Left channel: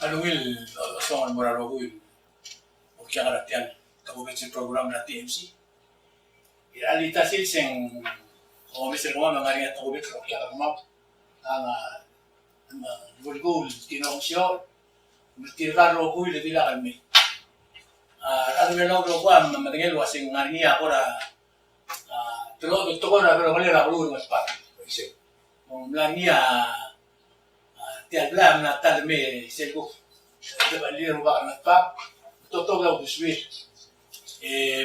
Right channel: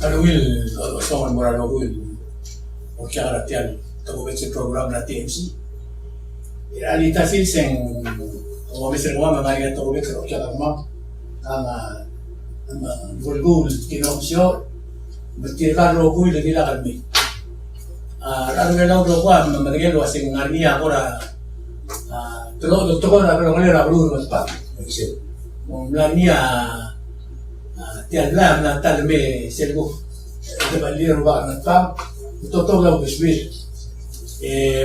Aluil, soal moral aluil, o kaya karatian, tago sa program na TMC. Alita sing o Mr. Juan Maria tago sa o kaya karma, ang vulgul tinopsyo, bertirkar aluil na nila kami. Ano nga lang ko ang matigil wasing ngariya ko na doktor ko na pero kanila aluil mas pa. Mong ngariya tiyan lang na talme selgo diba liro ba ang nagpam totoo lang duswil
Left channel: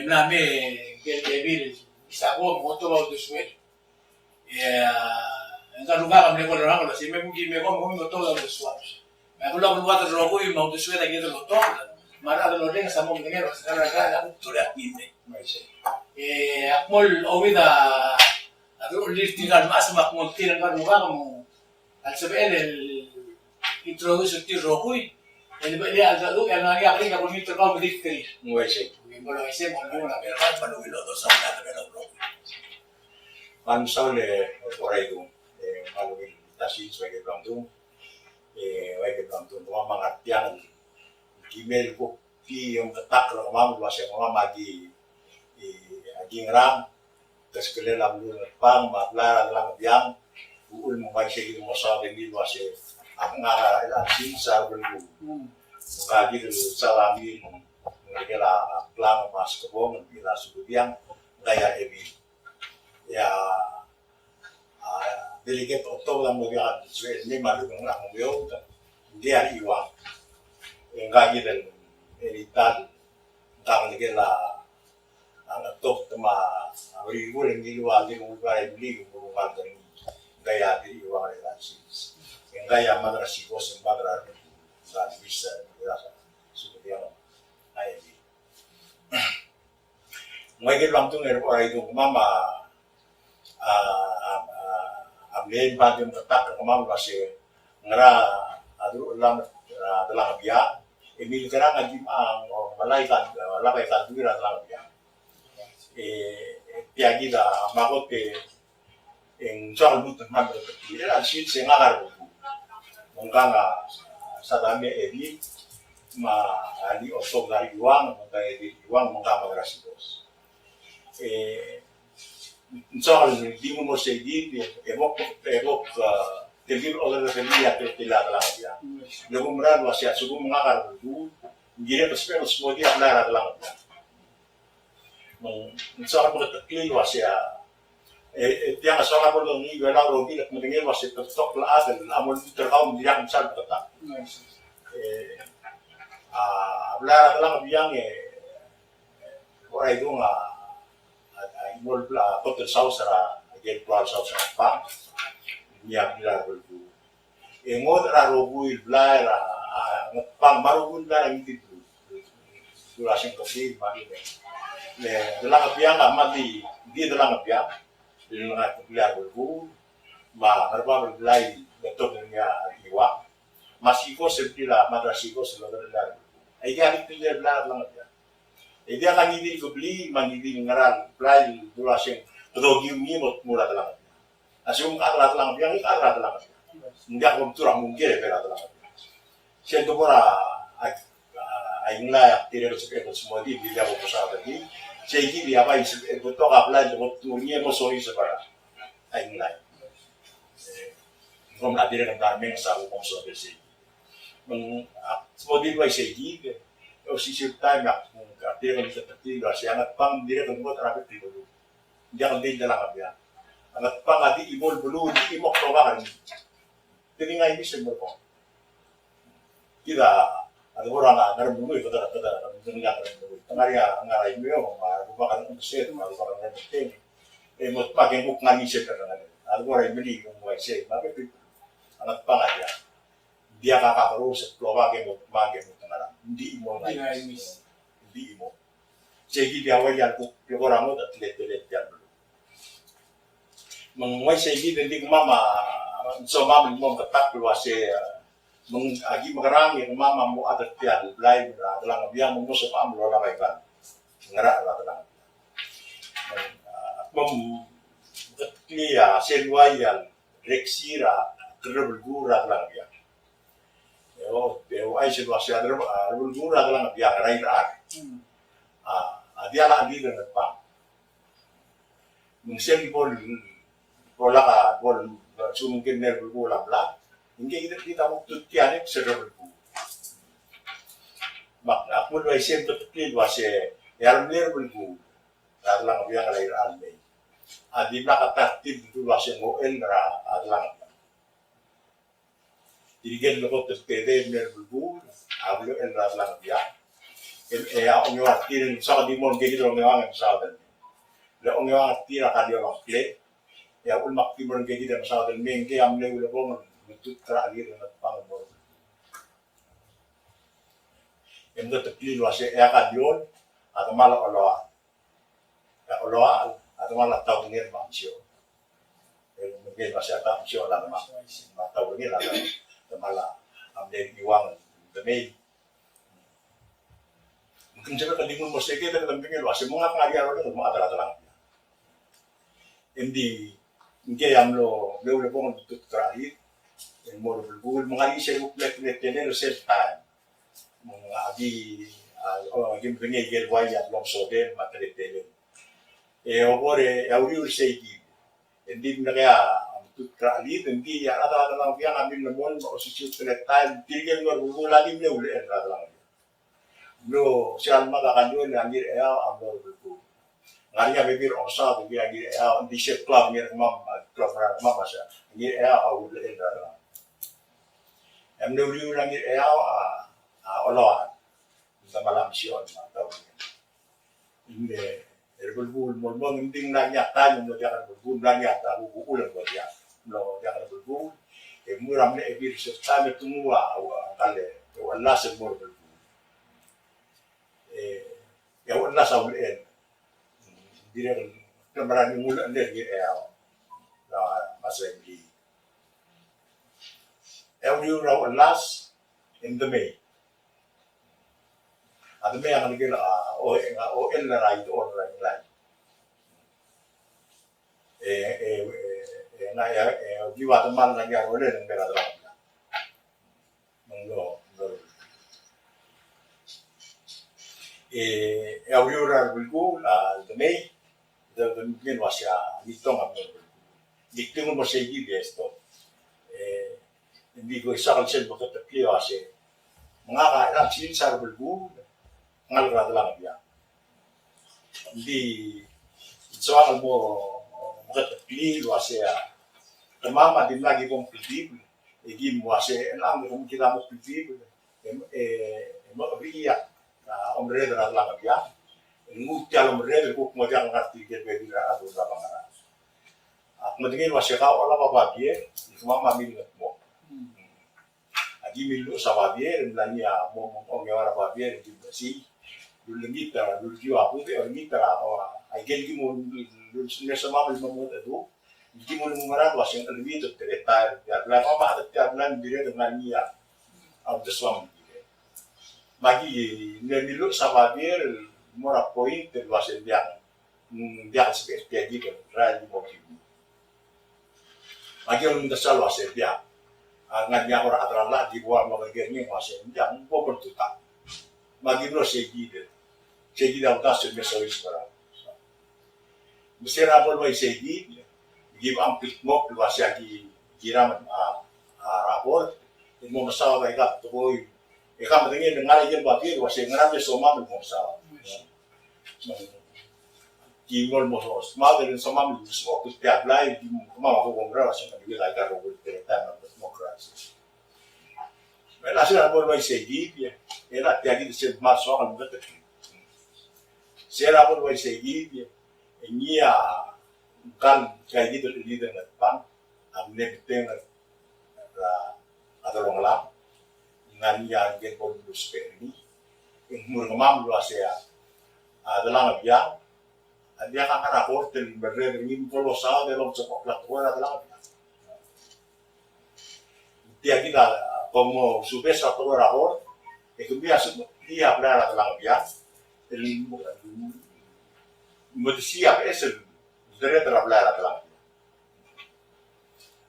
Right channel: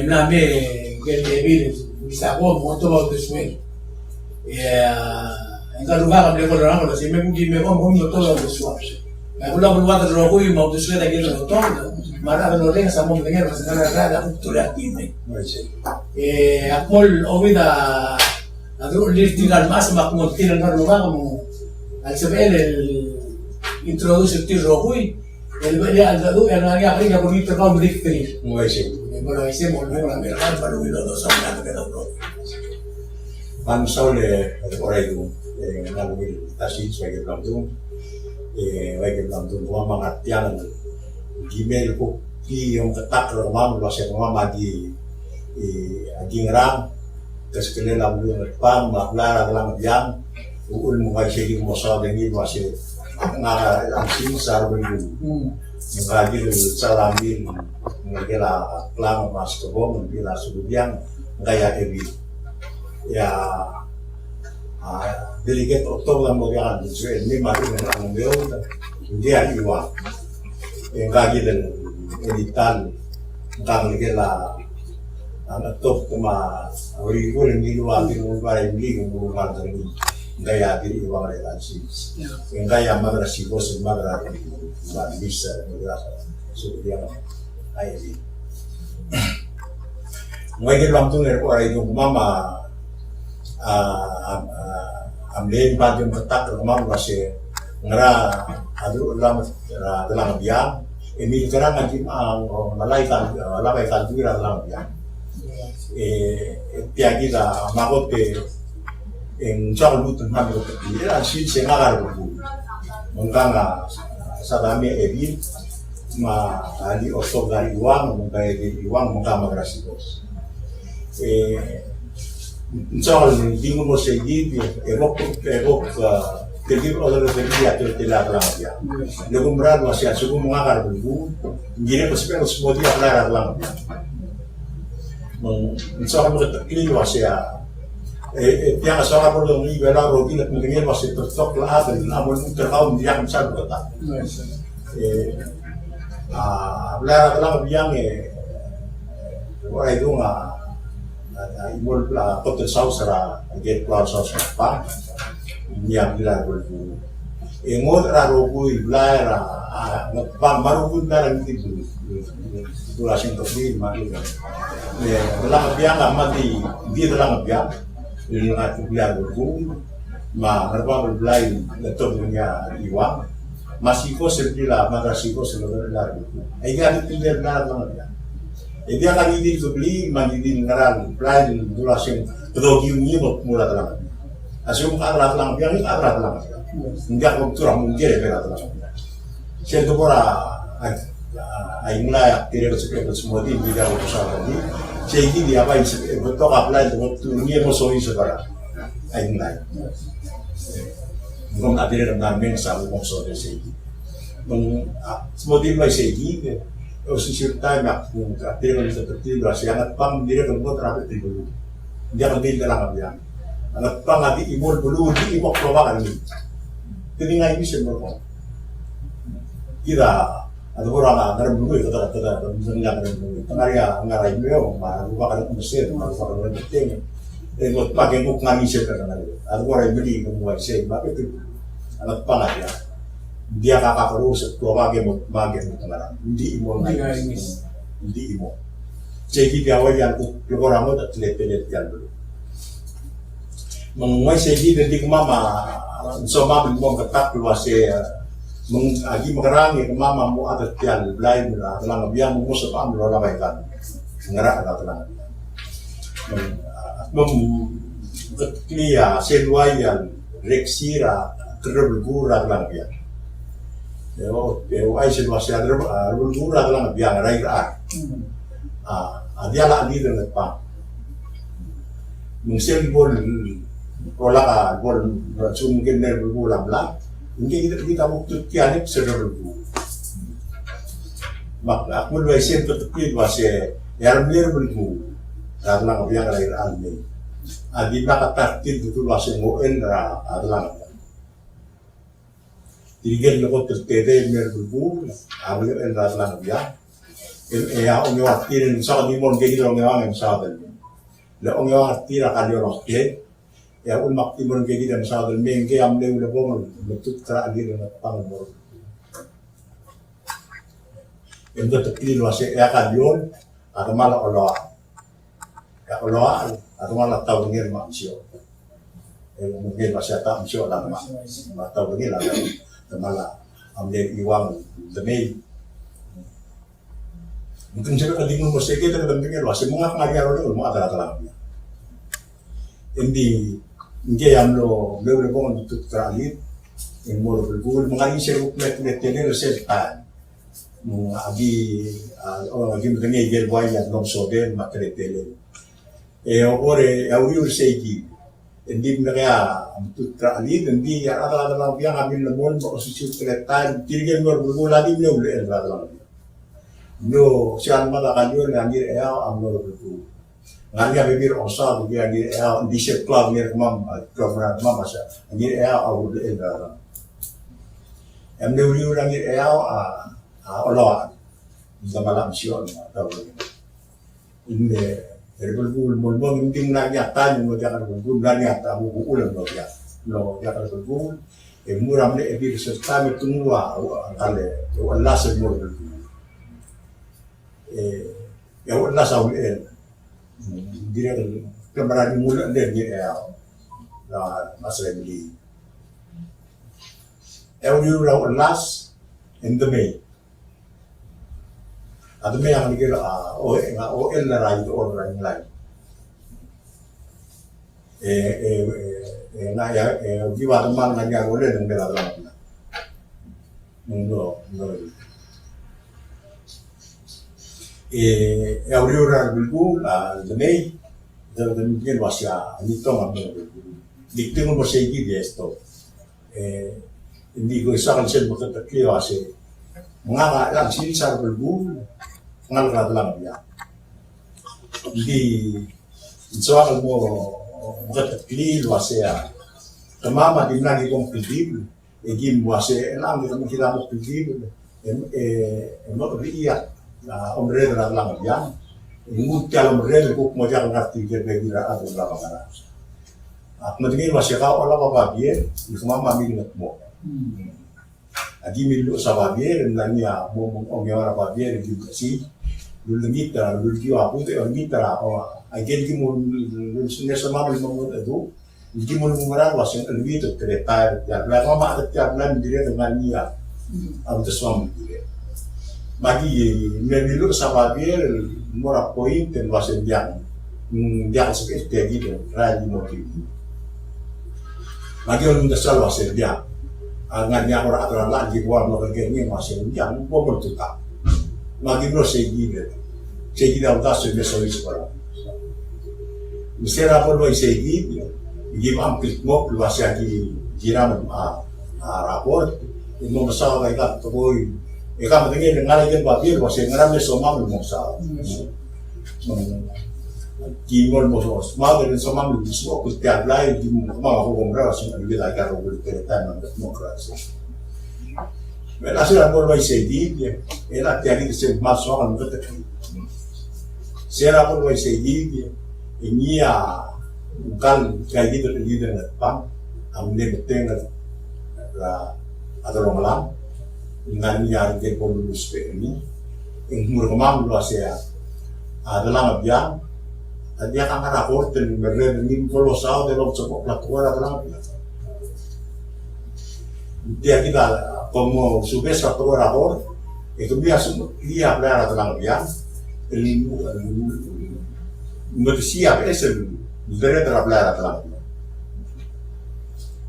mlame gel bisa ko mo to lang duswil ang kaluga kami ko lang ko kasi may bugi me ko mo to lang duswil may ulang luwa ka ro ko yung mo duswil na gelo to mara ka lo len sa mo ngero sa nara ko tulat din akmol owida nagro lirtigal mas makmol tinan ka luwa mo al saber introduce el tiro hoy el al dado el área que con el trabajo de escribir Muy sí. bueno ese volvemos a ver para lo dos hablar pero Pan saule por ahí tu nalungil tasin sebagai pelamtung gua mengatian gmail ko pi yung ketak lo mam bahasa mama di ngerang terus kalian lalu pam maklar dalam jam uul mo kasi mo sa dingin masih nakalansin sa runggu mengkaji salamin mengkira klam mas kebo mengkira subiang gaya ebi ya delegate oktober bagian so ini makin ang bio dia iwa mengkaji dan editan tentang nigela ang top kuma awri ko ni luwa din mo ba hindi mo magdari gaya diri iwa nga lansis yung gaya madrasi ko sa madrasi na bisa so dia ay di ngayon lang tong ko ay yung mama amlen pa yung katak ng mama kasi ngara adu lang dalang biya emil kara ngim ang malaikat labay kalbira lang biya tiagi da magot ke en soal butun hamil kecil asin sengagar buku mengkanga sadami ebi ma ali osok dari uang mengkaya di uang mengkama grasi bos soal di mo segi evok tegir oleh dia tidak lang dia lagu merad masih suku mengagar buku gire pespel semua dia lara lang dia soal mo tekli masih tiang asal apa dong ni gala roti nak mungkin masih tertok lah dan namun terkau dia besar betul. Belar lang biang wah itu imol kotor saus ra get keluar saus apa dia bilang berbu. Emot raro bui belar bang baru pun belar itu dulasin kopi mati. Belar biang mati dia belar biang yung bilang berbu, harba berbelai letok dunia iwang, masiko sebila madrasiko seluruh belar berbu. Ia itu dia belar banget ya. Dia kan ini kebeli, mangidi ngarang belai dulasin pedogi ini mula telang. Asyum karat telang, yang ini karat telang. Enggak kurang mungkin ya berat telang. Saya tu pora, aing lah tidak seperti semua ini tidak berusaha tadi. Segi dia apa yang betul apply untuk turunnya musuhi sebarang, aing lain. Mungkin ada yang namanya sama musuh dari segi. Semua dia mulai segi, sisi time aku dia kalau seperti berasi angat pang dia kalau buat rapi dulu. Dia kalau dia dalam abian, angat pang nanti imol dulu di imok probakan ini. Telinga ini sebelum kita ada orang ngaram dulu itu kata mendengar dulu tengahnya ngarai beliau mah bukan mesin mah bukan penting buat pakai buku ngani seperti itu ada orang beli kemudian saya pakai itu anak pangat ya dia kakak terus keluar pakai tengah di imo di imo jadi dia wajan orang itu telet jalan dulu menguai segi dari mama sama belum ketak keluar saya agi makarang yang mama mo ada tian belai mira telang biang mo sa pam lo ramai kan ngara la telang klia seluayan reksira terbelgura telang biang Eu ai se wasi adre bulgura dalam biang rai ar. Dia la di dengan pa. Mungkin di bola bol sungkin der bola bla. Ini kita bukti tiada sedar bu. Mak aku mulai siap tetap wasi yang benar bu. Dalam biang rai ar ni. Adi nak takdir itu wasi ngoel ra dalam. Tigel lo tertede mer bulbul ablo el raslan ya el ya on yo atir en sa di mon ke gidro ngewa ngem sa del le on yo atir ka yo rokle ya un mak ti mon ke gidro sa del men ke am le bong le tut tra gidro na pang bor en do tekli lo ase ya ka yon ata mala olo ya olo ata mala tau ngir ma sio el mungkin masih ta sio la ma tau ngir la Temala ambil iwang demi mungkin saya kadang mau sedikit kita kadang masih mengak ngari orang rumah ada terang ini yang lo bong itu terakhir yang mau bergul mengari seru plek tener serta mengagi lagi mengenai gel yang long soden materi tele ore auri segi hindi mereka untuk terakhir hindi yang ada dalam yang ambil lemon posisi terletak tinggal berbulu lagi beliau boleh dalam no siapa mata kanjur ngangir ambil berbulu ngangir bibir osa bagi ngangir di sekolah ngangir klub masa ngangir awal boleh dalam ambil beliau ngangir Allah dalam malam siang atau ini berbul mulbong hindi na nyata yung jangan berbul na nyata buku ulang ya no jangan berbul muram le bir serta metungwa kale Allah semur berbul ya Allah saul dire kemarin mula dia na masai beli you raw last in the May ada me yang dikira OL na ride or line line na ya giwa teman nanya boleh dengan bela dalam no auriora bilgu la demi de mungkin wasya nito ngambil dikte mo masigi dia esto hindi ko isa kan siya makatakli wasi nga lang sinisar bilgu ngalra dalam dia. Di soal mo makatakli wasya tamama din lagi kong pildib egim wasya lang kita mo pildib mo riya na omre na lang dia ngutia omre ko mo jangan ngerti dia begira atau berapa kana at matingin wasya ka ola babie di mama minat mo agi milu sa babie nanya mo ongera babie di si lulungita lulgiwa punte ongita ay gelgi mo lusunya sama mo ado gelgi mo ngara wasya albito tretar ya la mama at ya plan dire dengan niya ang deswam dire magi nemilu sa babie mora point en wasya diang diang seperti kayak gitu rali motif magi on dasar wasya diang nganya orang aturan lagi gua mau kerjanya masih yang gua bertutak lagi bro segi dalam tas sudah solis orang mesti rapor boy segi give amplit mo luas lagi jiram rapor ini mau masalah baik atau boy ikan pentingnya dengar aja babir masih ngeram soma belum masalah Gimol mo mau dengan sama belum semua kustiap lain di mau hukum rawas yang lebih lagi kalau boleh cerita dengan demokrasi. Berasal dari segi dia, enak tiada disebut masuk akan betul. Saya pun dari segi dia, ini ya bukan kayak gitu di dengan pang, ambil betul ada orang lain dengan yang kita perlu seperti ini, yang murmam luas ya adalah biang. Dia akan rapor dan berani kolosal dalam sebuah pelakuan adalah dia kita como subes satu rapor itu biasa dia berada dalam dia siap esel dari teraplar dalam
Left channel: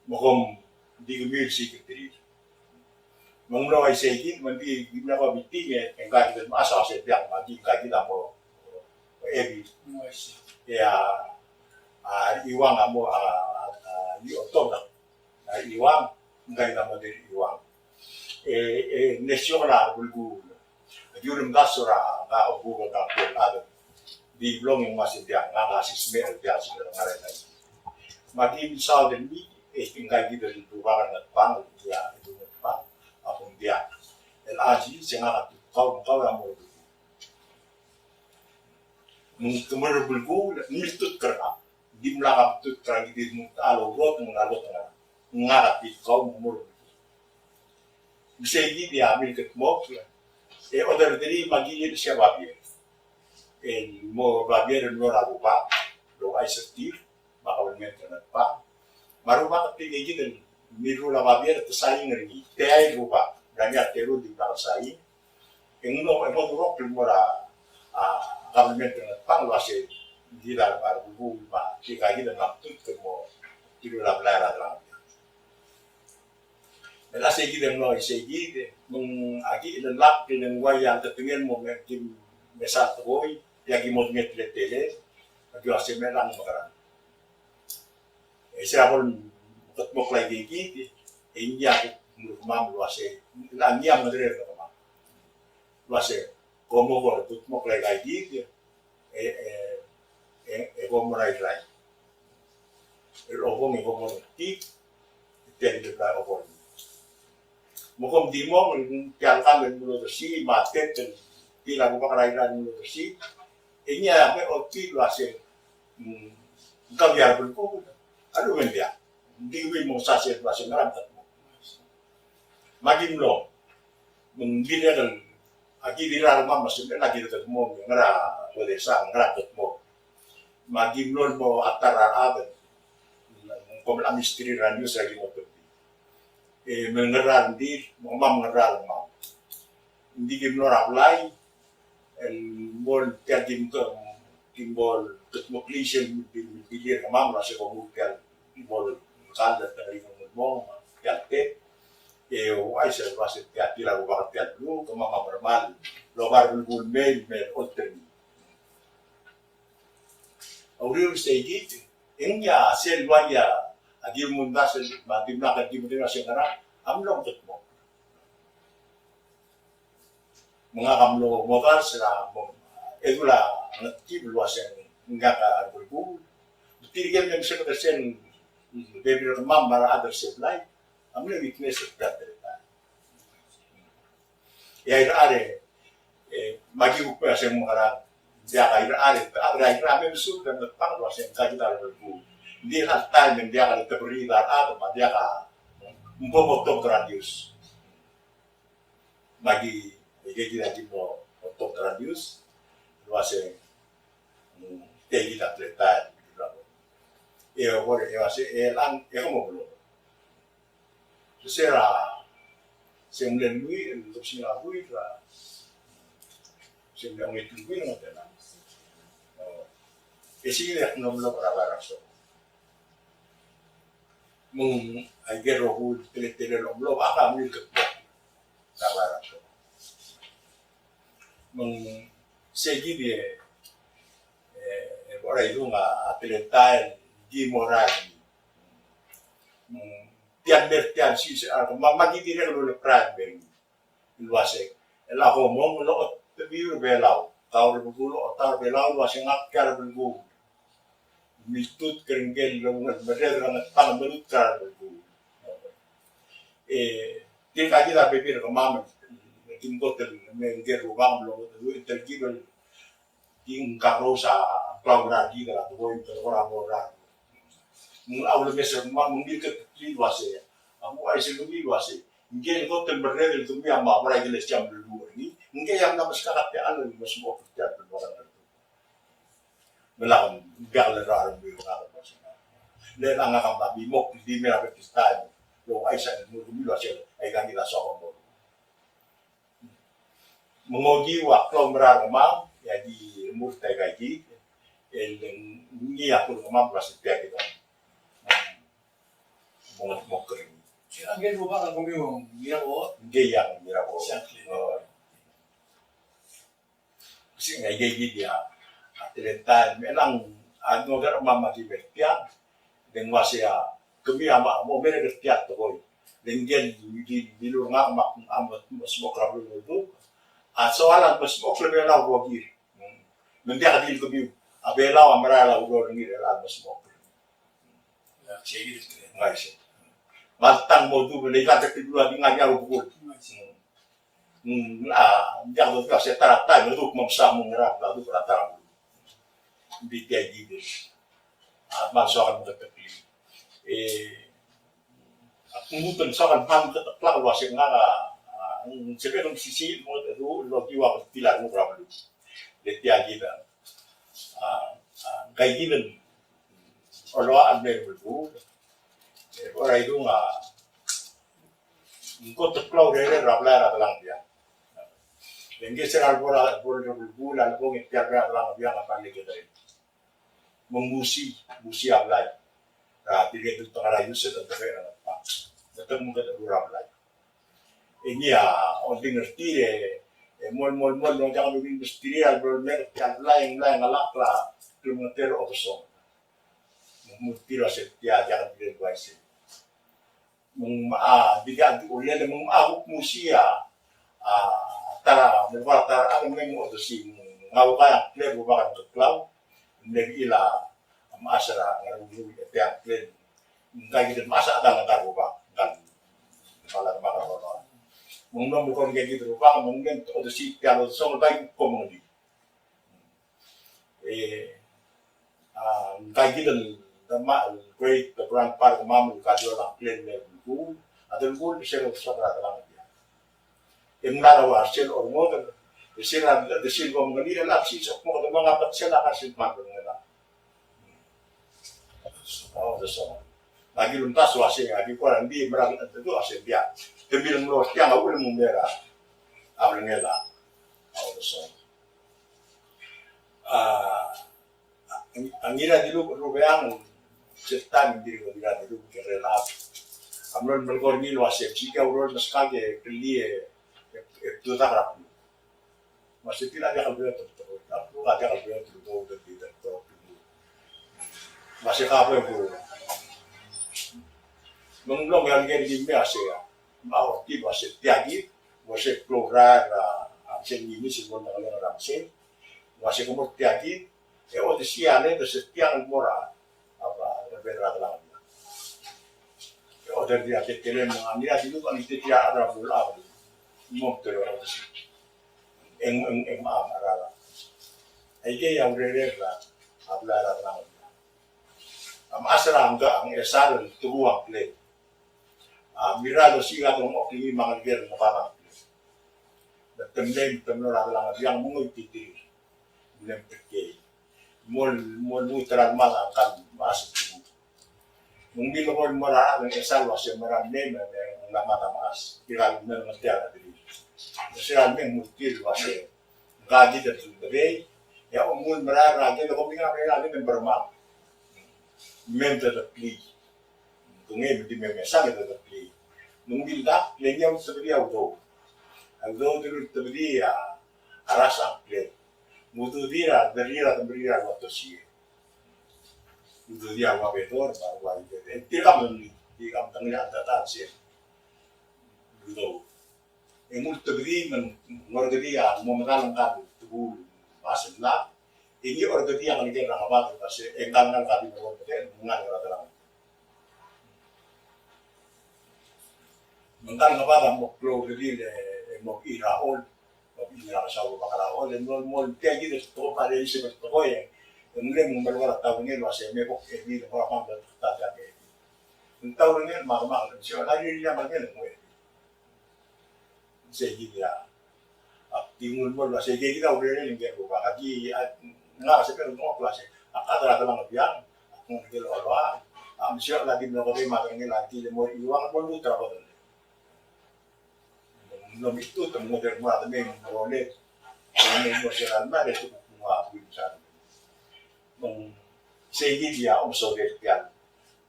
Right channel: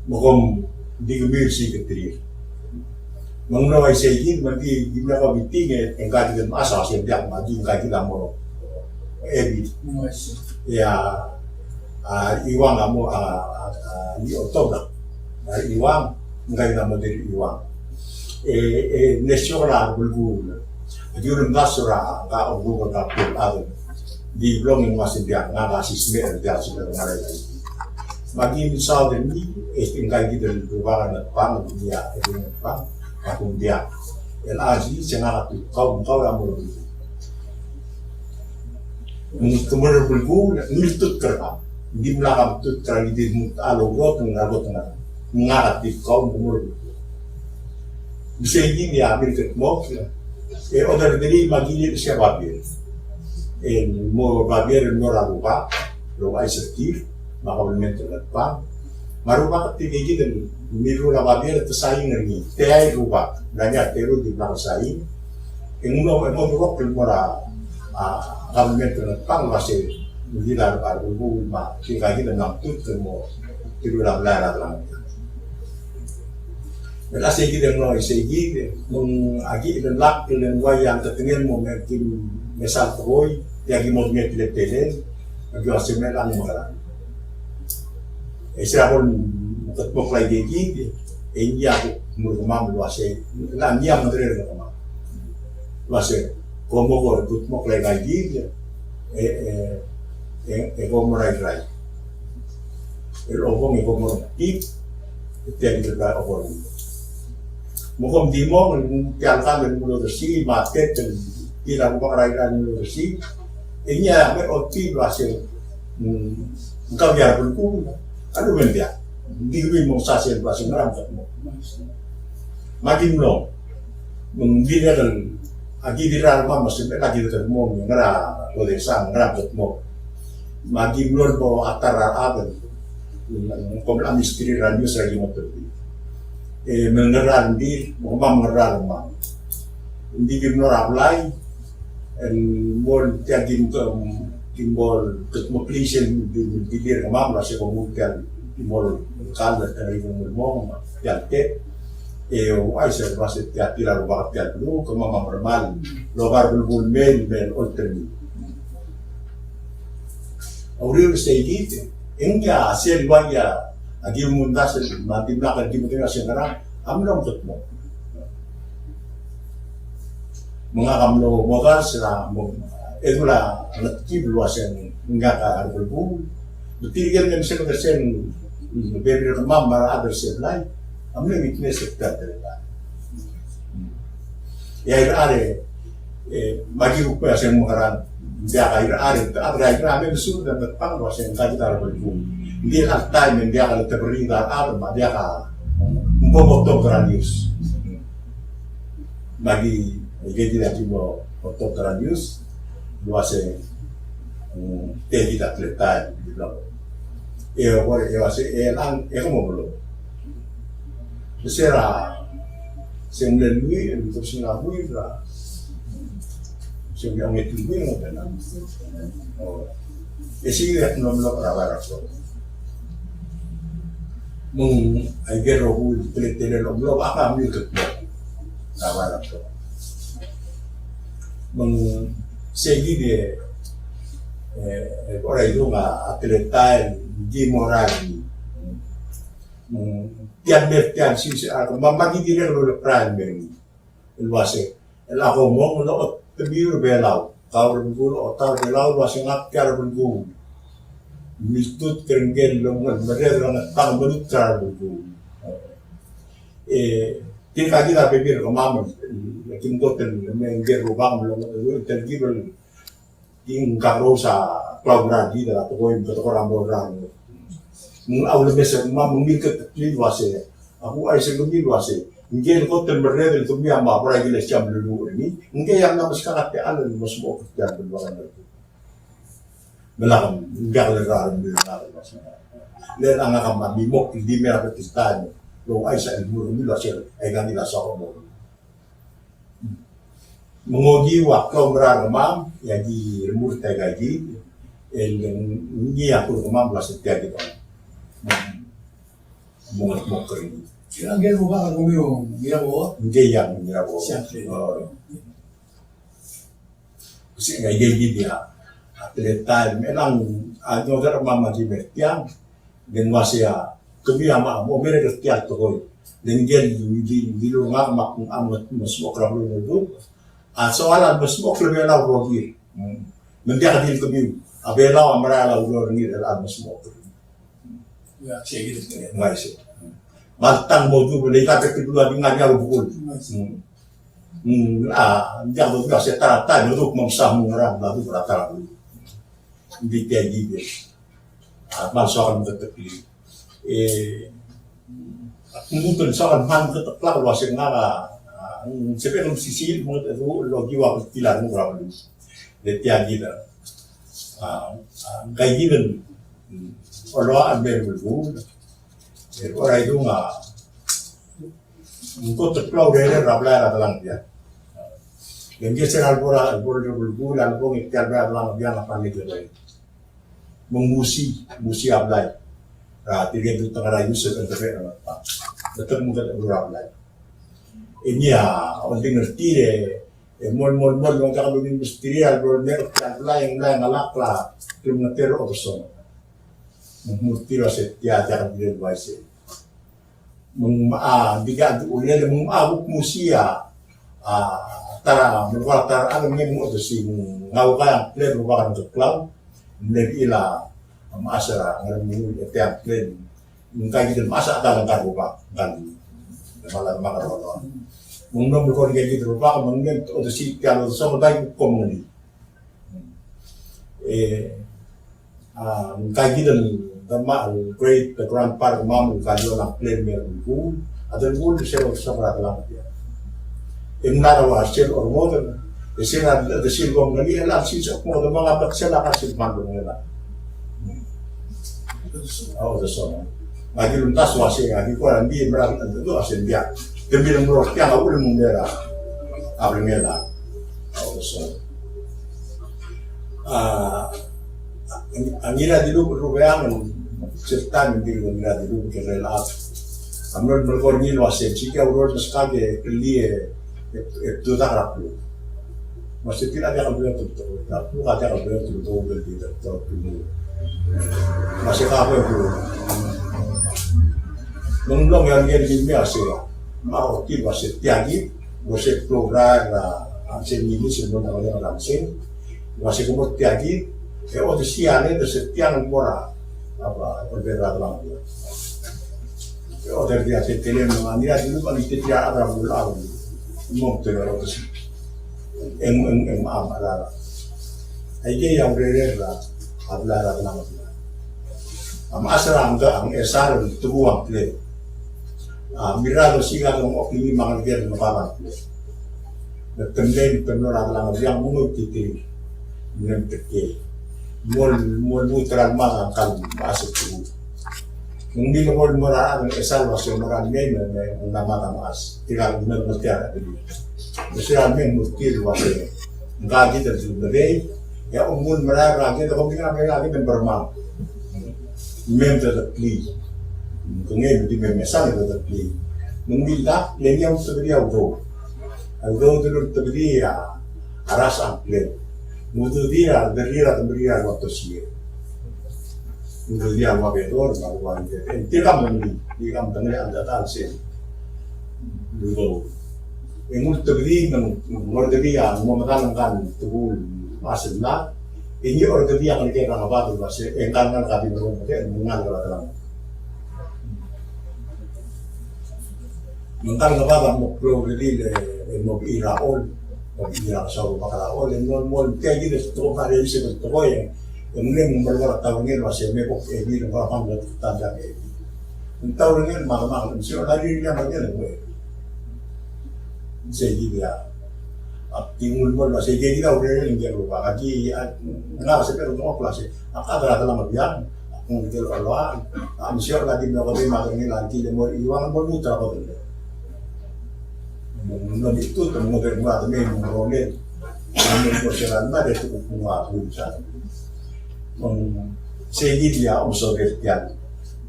mungkin digemir sih ketiri Mengenai segi mesti gimana kau biting engkau kita masa setiap pagi engkau kita mau ebi ya iwang kamu di otot iwang engkau kita mau dari iwang nasional berguna jurun basura enggak obu enggak pun ada di blog yang masih dia nggak kasih smer dia sudah nggak lagi bagi misal ini engkau kita di luar depan dia itu depan akong dia LAG sengaja kau yang mau kemudian bergu niltut kerap di belakang tut kerap di alogro tengah ngarat di kau kemudian bisa ini dia ambil ketmok order dari magilir siapa dia mau bagian luar lupa lupa isertif maka bermentor depan marupa ketika dan niru na babier tersaing ringi tei rupa nanya teru di belakang saing yang uno durok pura government pang wase tidak arbu ma tinggal kita namput temo tiru na belara lang dan asal kita menolak segi agi dan lak dan wayang tertengen mau mungkin mesal teroi yang mau mungkin telen agi asal melang mengarang siapa tetap lagi gigi, ini aku murmam luasnya, lah dia mengerir ke mana, luasnya, kamu kalau tetap lagi gigi, kamu rai, elokong kamu tip, jadi terbaik orang, mukom dimo, jangan mulu bersih, market dan tidak bukan rai mulu bersih, ini ada otot luasnya, engkau biar berkumpul, aduh mendia. Di mau sasil bahasa ngeram tak mau, makin lo, mengira dan agi di rumah masih lagi dekat mau ngeram, boleh sang ngeram tak mau, makin lo bawa atar aben, komlam istri radius lagi mau pergi, mengeram di, mengeram mau, di gimno raplai, bol tiap gimbol ketemu klisen di dia kemam masih kemudian gimbol kalah dari ngomong jante wajar masih tiap tirar waktu dulu ke mama normal logar bulbul mel alternate auril stay engkau hasil waya agi mundas mati belakang di mutina sekarang amlong ketemu mengakam lo motor selang itulah letih luas yang enggak ada berbulu. Betul kan memang sekarang beberapa teman bara ada sebelah, ambil ini sekitar terletak. Ya ada, bagi upaya yang mengharap dia ada, ada kami besar dan depan luas yang kita ada berbulu. Dia nak time yang dia akan terberi dan ada, dia akan membawa radius. Bagi kita tidak untuk radius. Luasnya tinggi tak letak di belakang. Boleh luasnya elang, kamu belum. Secara sembilan untuk sembilan lah. Sembilan itu nggak tenang. Isi lihat nomor berapa rakyat. Agar rohul telet nomor apa ambil ketemu. Berapa rakyat. Segi dia, orang itu nggak atletan, di moral, tiap sisi, mama kita kalau lepas begini, luasnya, aku mau lo terbiru belau, kau berbulu, otak belau luasnya ngap cara berbulu, mitut kerenggel lompat, mereka orang tang belut cara berbulu, tinggal kita pikir kemana. Kim kotel mengger rubang belum itu tergibel ing karosa kelaburan kita atau koin atau orang bodoh awal besar mama mengikat liwasnya aku ada sebelum liwasnya mungkin kotel mereka itu mi ama apa lagi jam dulu ini mungkin yang nama sekarang ada di semua kerjaan berbagai itu belakang enggak lerah belakang dan angka kambang bimok di merah Pakistan lo aisyah ilmu liwasnya egang kita soal mengogi waktu beragam ya di remur tagagi yang aku kemam belas setiap kita mau kering Angel mo ba kung yung Mirabaud? Hindi yang Mirabaud. Siyempre. Kasi nga gigid niya. At time, elang ano ka mamagimit yan. Then siya kumiyama mo meron tiyan to koy. Then di lo nga mak amat mas mo krab lo do. So ala mas mo krab la rogi. Nandiya ka dil kumiyo. Abela amara la lo ni ala mas mo. Ya, sige dito. Ngai siya. Bantang mo do le ka te pula di nga nya bukul. Dia do ga se tarata mo do mamsa mo ngra la do rata. Hindi kaya gibir. At masokan mo katapili. Kung sokan man kataplak wasik nga sepe kung sisil mo ito logiwa ko tila mo grabalo. Letya gida. Kay gidan orwa ang berwul. Oray do nga ko taplaw dere rabla ra lang dia. Yung geser albora albora albong itkabra lang dia na paligid. Musi ablay. Tigay dito nga rayo sa tabi ang pa. Dapat mo ka ablay. Inya, onting ngerti mon nung kakabing misteri albor mer ablay ngalakla kilometer o so. Mutira sa tiya kan dire wise. Biga ulian mong abuk musia tara magwatar ang mo do si ngaw ka plero ba kan club. Nag-ila maasara ng mga template ng kagitan masa atalang karupa dan malang makarolo mong nomor ko ng rupa mong o si kalo so dai community kagitan dama great the grandpa mamu kalo na plan mer ko adal ko siya sa lang dia imnara sel or modern Isina the silbong gali ala sisok mo ng mga baksela kasi mandong nila. Oh, the song. Lagi luntas wasi nga di ko hindi merang ando asin dia. Demi ng los kaya nga ulo mong mera. Abring nila. Oh, the song. Ang ira di lupo rubayang cerita hindi ko nila di lupo kirelap. Amron berkornil wasin sika urol tas kage kelie itu tak rapu. Masih tidak ada kabel tutup, tapi ada kabel tutup dan tidak terlalu. Masih kabel tu. Mengulang yang ini biasa. Mau tiba setiagi, masih program ansen ini sebenarnya orang ansen, masih kemudian tiagi. Oh desiane itu setiang murah apa berbeda lagi. Oh dari dia setelah mengira dulu kalau tidak ada bulan, mau terus. Ang maamarara. Ay kaya yung re-re-ra, ablara lang sila. Ang asra ang esaran tubuang play. Mirado siya ng okimi mga liger na parang play. Nagtandem, tamlora lang siyang umagtitir. Minamtake. Mol mutralma ang kalm, maasok tubo. Nung binukol mo na ang esal, was yung marami na yung namatamas. Tilang nagmatiyan at dito. Siya aming mutil wasi. Ngaji dan sundari, ya umul meragi, kalau kita ambil lagi dan bermam. Mem terpilih. Kungin di memesal terpilih. Mengbila, lenyam sebenarnya auto. Auto dulu terbeli ya aras ambil. Mutu dia berdiri waktu sih. Mutu dia wabedor, wabedor. Tidak mengi, tidak mengenai anda tansi. Dulu. Yung terbeli mengorganiya mematakan tubuh masih na ini organiya yang kita nampak tu masih engkauan kami berumur mengal kalau mengal apa mau progredi mau iraol kasau bakaraol non kayak gitu tuh pada isi bertuah yang ini memperlukan tahun ini masih mepok ini nomor apa betul tanda ini tahun ini malam siapa lagi dia bagian gue Segi dia, tinggal buat segi dia udah yang dia lupa lagi, nggak seperti rumah kelas. Apa ada dalam biang, mungkin Allah, misalnya lagi melakukan makan ini lagi, dia mau iwan mau muter apa tu? Mungkin itu kemudian buat dia mengolah, mengolah mana itu semua bisa. Segi dia usul dia,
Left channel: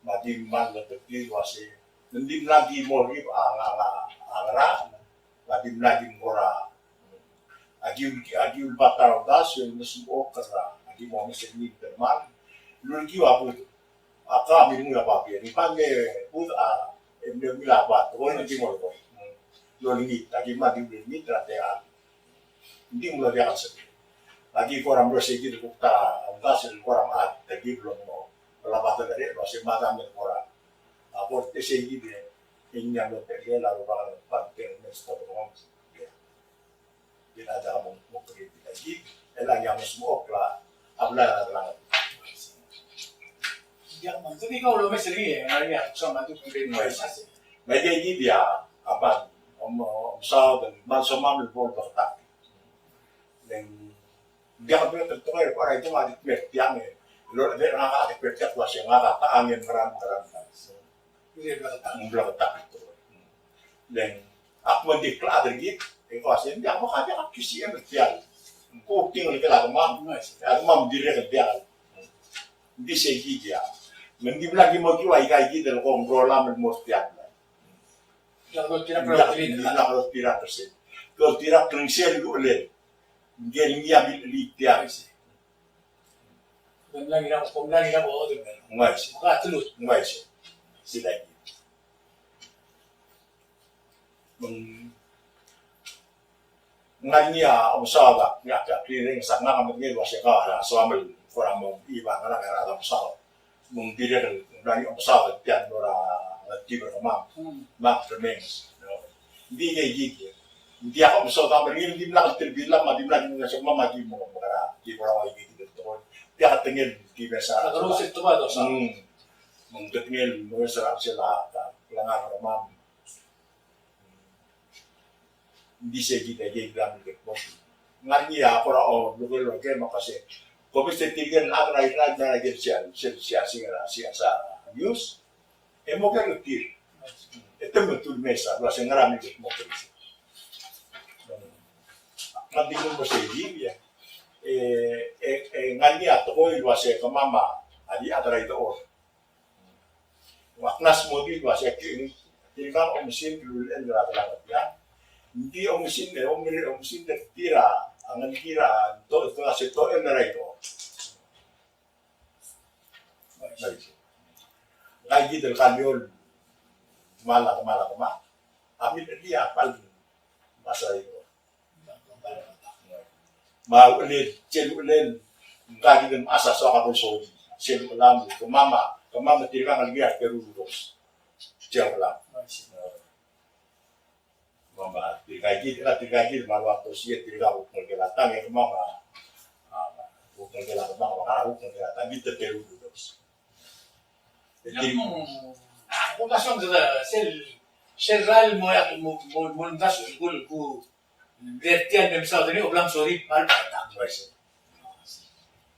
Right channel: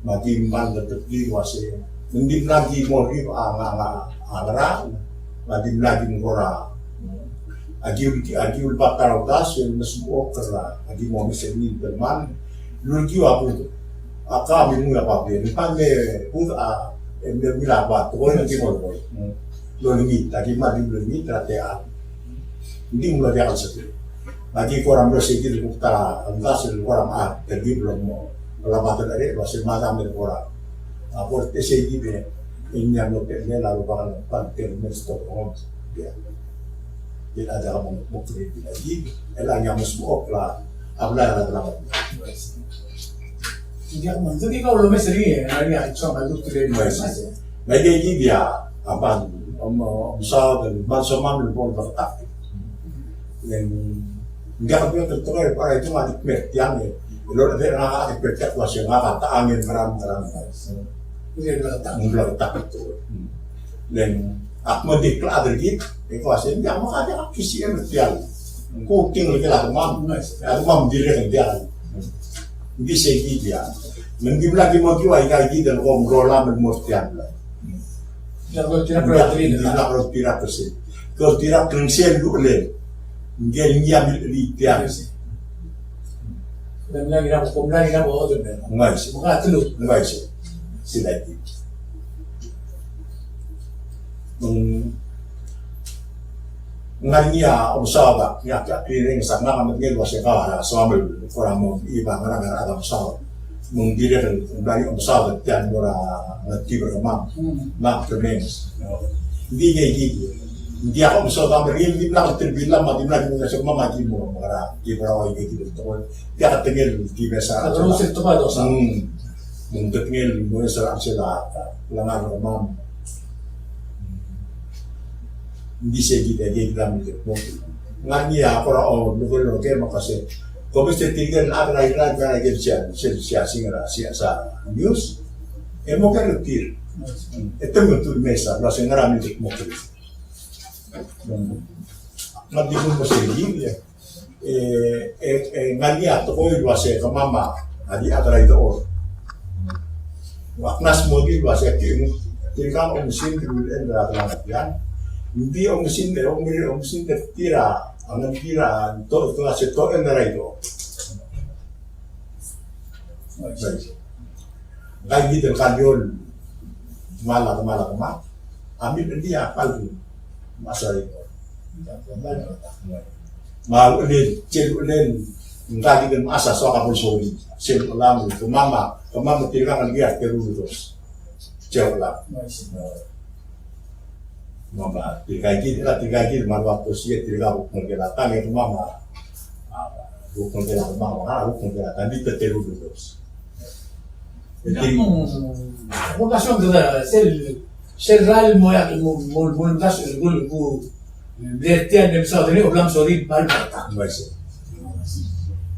mati man tetap di wasi, Nandim lagi mo rin ang nandim lagi ngora agiul bataraw das yung nasuok kara agi mo misenin teman lulki wapu aka mi mula papi ni pame pud emde mila pa to ni mo boy lo ni tagi ma di ni trate a hindi mula dia kalsati lagi koram bersih gitu kutara antas koram a tagi belum mo labatan ada masih mata mi koram apor ese gitu inya no pe lalu bakal pantel mesto on dia tidak ada mau kritik lagi elang yang mesbuok lah abla lah dia manzuri kau lo mesri ya hari aku sama tu tu media ini dia apa usaha dan bansoman lebih bertak dan dia kan tertulis pada itu mati mertiang ya lo ada nak ada percaya masih nak tak angin meram dia bertak itu dan aku diklat lagi ikuasin dia mau ada kisi mertiang ku tinggal kita mam mam diri kerjaan di segi dia mungkin lagi mau jual kayak gitu dalam ngomrola mertiang kalau tidak persen kalau tidak kerengsian dulu le mungkin dia beli tiang dan lagi nak komplain nak bawa tu ber bukan telut sila itu ngania observa nga kiring sa nga kami ngel wasa ka sa amal for mo iba nga nga adam sa mong dire dari observa tiyan dora natibo ka ma remains hindi nga gigi hindi ako observa meril di na terbila ma di na di sa mama di mo mga ibra wa gigi dito di ka tingel di besa terus itu pa do sa mong tingel mo sa sila langan ka mam hindi siya kita nganya para lugar makasih kung gusto tinggal agad siya sa news mo ka lutir ito mo tur mesa kasi ngarami ito mo kiri magdikon mo siya ya nganya to ko iwase ka mama adi atray doon waknas mo di iwase tinggal mesin kemudian berat yan hindi ang mesin tira ang tira to kasi to en ito lagi terkadol malah ambil dia palsu masa itu mau cel enggak gitu masa soal soli cel ulang ke mama tira kan dia terus jauh lah mama tirigay marwa to siya tiriga bukong kelatan itu mama bukong kelatan mama bukong kelatan di terteru terus relación de ser real montas el gol vertian de Estados Unidos blanc sorry palpata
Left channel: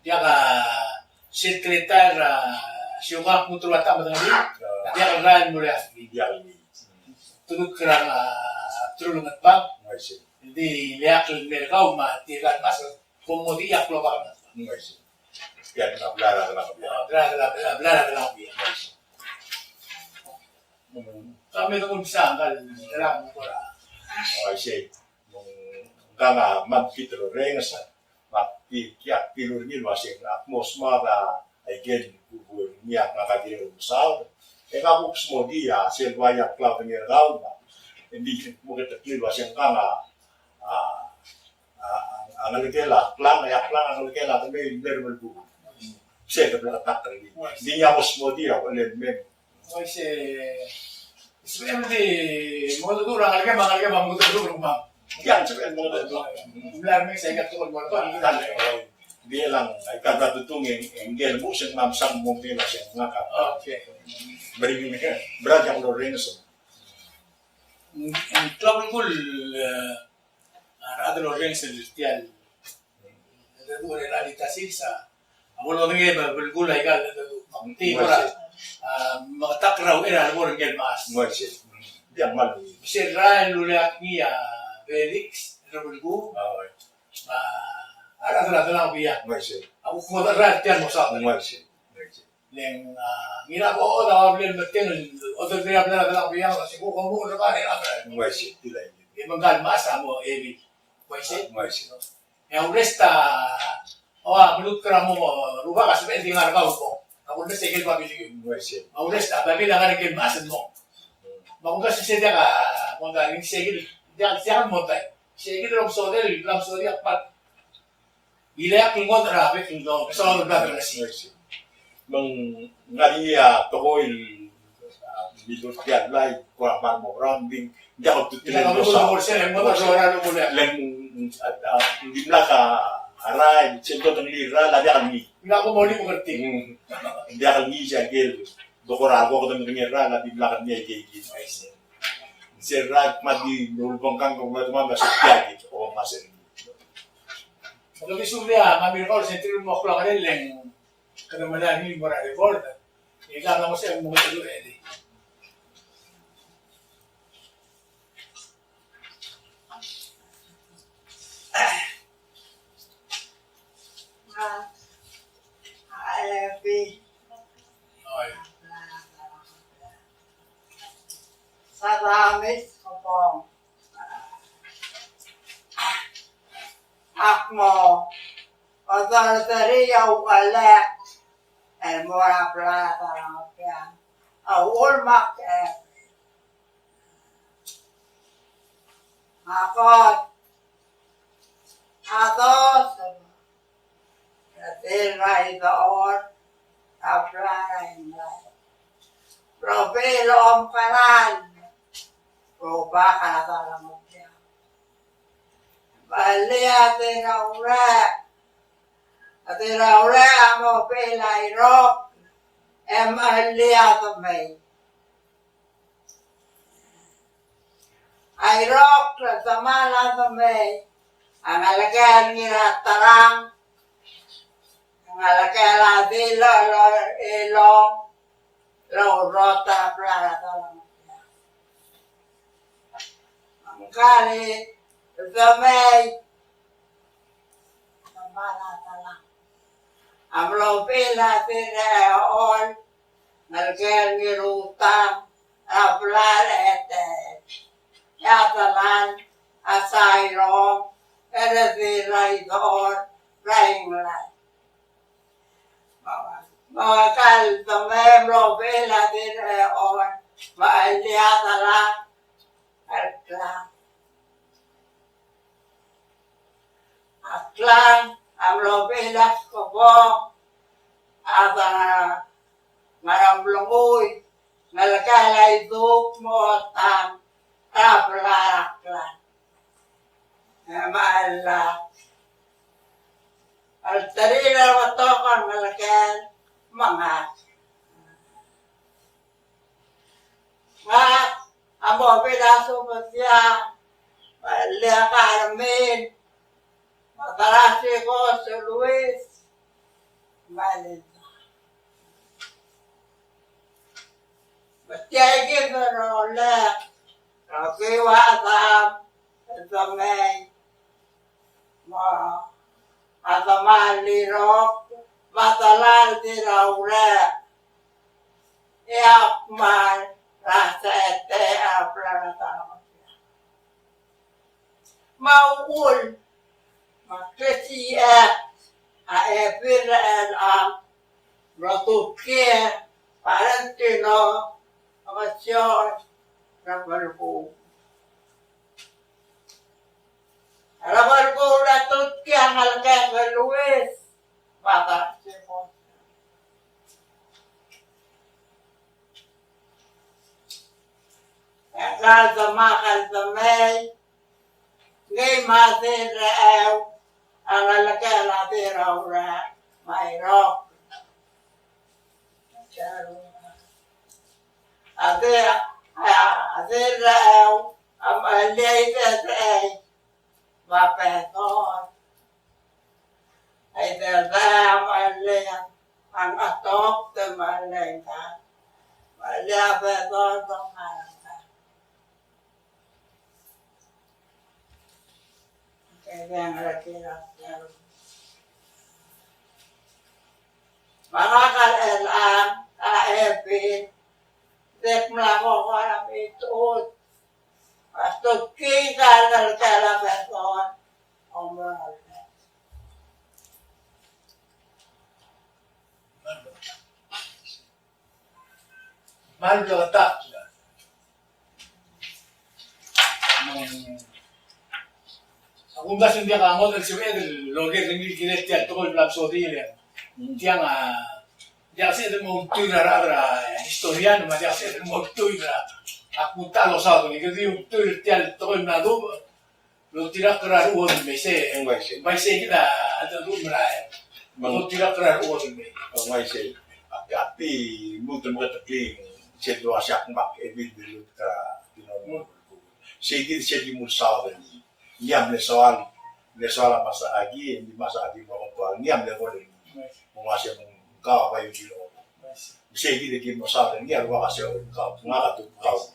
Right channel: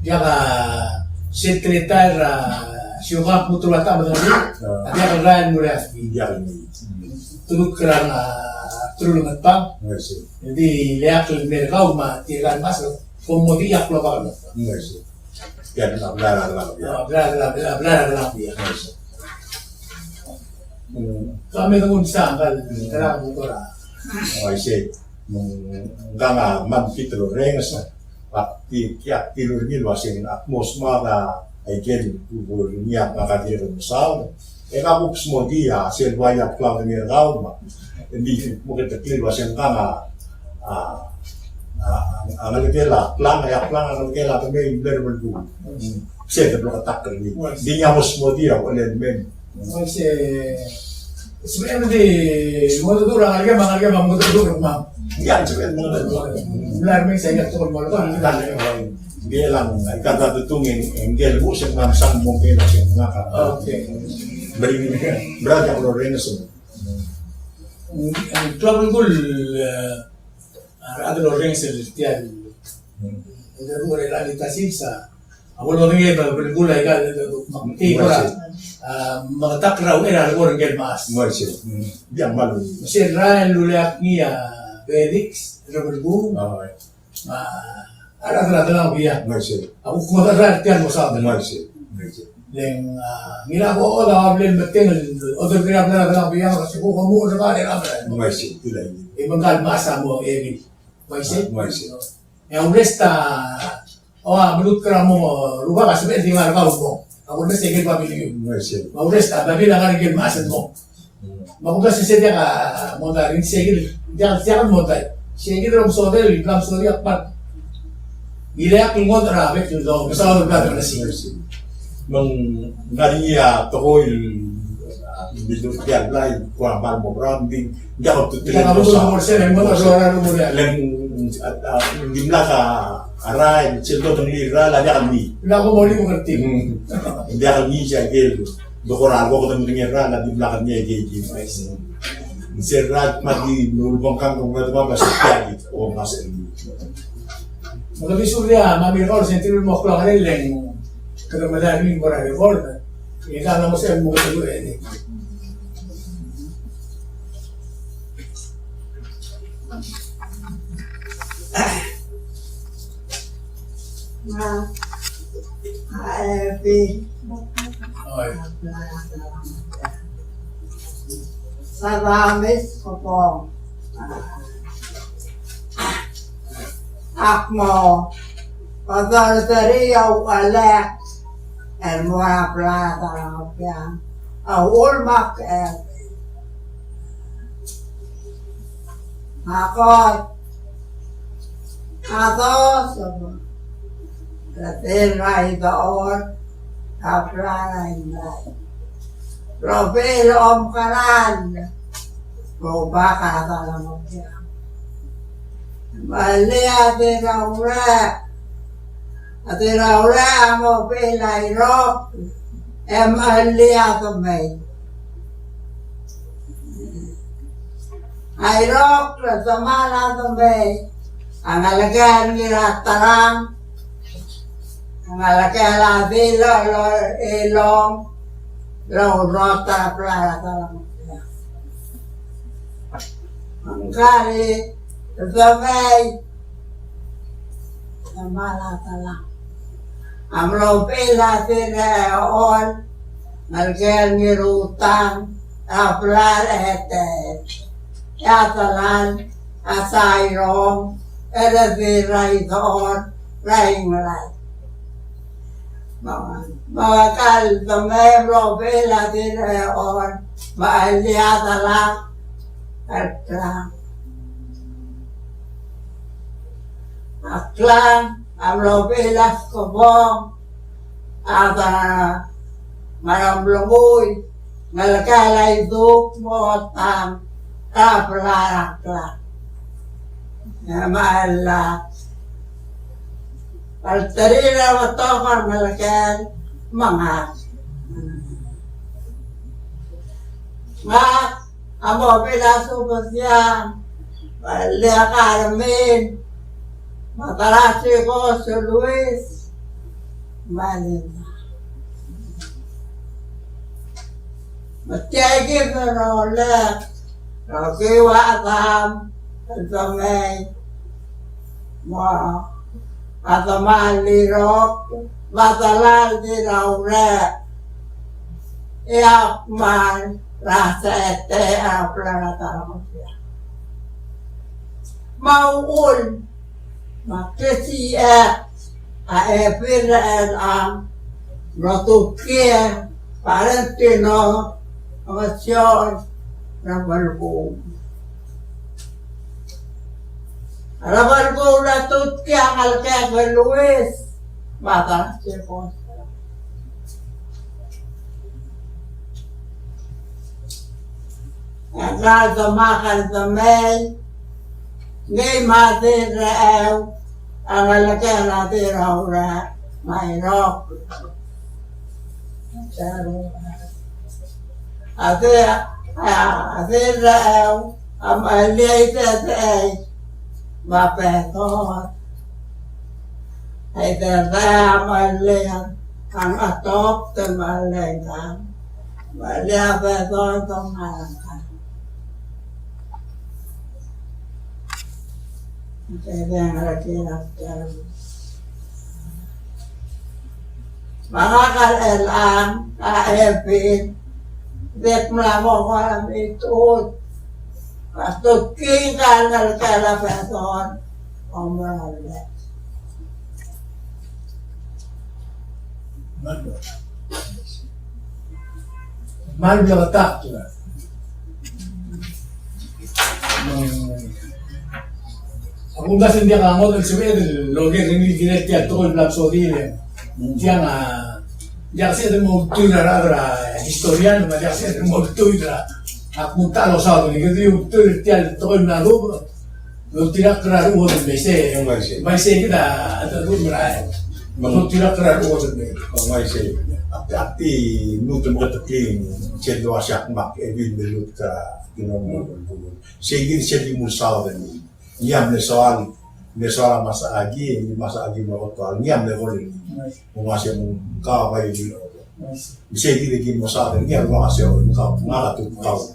dia sekretar siapa putra mata dia real mulai dia ini tu kerana tulungan pa jadi lihat mereka umat tiran mas komodi yak lokal yan ablara ya kami tunggu bisa kan terang motora say nga magkitro rengas pati kya tilurgil wasing atmosfera ay gen niya nakakira sa kabuks mo dia selwaya cloud ni rauma hindi mo kita clear wasing kanga ang alikela plan ang alikela kami level 2 siya dabla katak ni di niya mo dia wala men kasi sebenarnya mo to orang alga mo to ma'am yan sebenarnya mo to benar men saya ingat tukol mo to dia lang ikata tutungin engel mo sa mamsang mo men siya ngaka okay berada ko rin sa trouble gol ada orang celestial ada dua realitas sa awal orang yang bergula ikan makti orang mengetak raw era orang yang mas masih dia malu masih Israel luliak niya Felix bergu ada lang biya masih aku kumata tiyan mo sa masih Then, ginagawa ko na kabili bating, other kaya na lang biya kasi ko kamu na kaya na. Muaisi, tila ini. Ibang kalmasa mo, Evi. Muaisi? Muaisi. Yang uresta, menurut kamu, lupa kasih beti ngar kau mo. Kamu uresta ikut pabili. Muaisi. Uresta, tapi nak kan ikut masa mo. Makuha kasi siya ka, mo tayo, hindi siya mo tayo. Siya kita ram sodel, ram sodel akpat. Gila yung mo tarabe, yung daw, gusto ko na na siya. Mang ngariya tokoy bidur tiad lai kurang ban mo branding dia ko Kita kami ko mo sila, mo ta suara mo na. Len gimla ka aray sildo tong lira la dia kami. Pila ko mo ni mo kerti. Dia kami siya gel dokorago ko tong lira la di belakang dia gigi. Serrat mati nulbong kang kung ba masuk tiad o masuk. Magabi surya, mami ko sentir mo ko lang leng. Kada madami mo ra record. Ika na mo siya mo ko eh. Happy. Okay. Salamis ko po. Akmo. Pagdaltariya ukalek. Mura plata lang yan. Ulmak Akot. Atos. Ratiray doon. Kapraray lay. Propilo om kanan. Proba ka talagang siya. Mali ate kaure. Ate kaure amo pilay rock. Mali ato may. Ay rock na sama ato may. Ang alagahan nila tarang. Ang alagahan nila ilong. Rota plata lang. Ang kari, samay, malata lang. Ang lopila tineon, nalgel nirutang, aplar ete, yatalan, asayrong, erediray doon, raying ray. Mga kalbame, lopila tineon, maalyata lang, Aklang, ang lopilas ko po, at maramlungoy, nalakalay duk mo at kaplaraklan. Maala, paltarina mo to kang nalakal, mga. Amo pilaso po siya, Malia Carmen, Matarasi ko si Luis, Malita. Matiyagin na ulit, nakiwatam, sa may, matamali-rok, matalal din na ulit, iakman, rasa ete aplanata ako siya. Mauul, makisiyak, aepiraan ang natukia, parang tino, amasyon, ng malbong. Ang malbong natukia ang alkes ng Luis, mata siya po. Ang kaldamakal damay, ngay mati raaw, ang alakal natin raw may rock. Ate raaw, ang aliyay tatay, mapetot. Ay tatay ang aliyay, ang atop na malay ka. Maliyay petot ang alakal. Kaya nga nakilap siya. Makakaelam, kaepin, dek melamo ko alam ito. Kastot king kanal kalapeton, omrale. Mal belatak tu lah. Aku nggak sendiri kamu dan sebenarnya loge ini kita tiap tahun belum sodi le. Tiang jangan sih ada mau tu darah historian, macam jangan sih ada mau tu darah. Aku tak lo sah tu ni, kita tu tiap tahun belum lo tidak kerar uang tu biasa. Biasa kita ada tu berai. Lo tidak kerar uang tu biasa. Biasa. Tapi mulut bertekling, cendol asyak mak, evil belut ka kinom belut. Sehingga jadi musal ni. Niam le soal masa agi mau tual niam le boleh mengasih kau bayu di lo. Bisa kita gini masa ni niam mengasih kau ngah tu kau.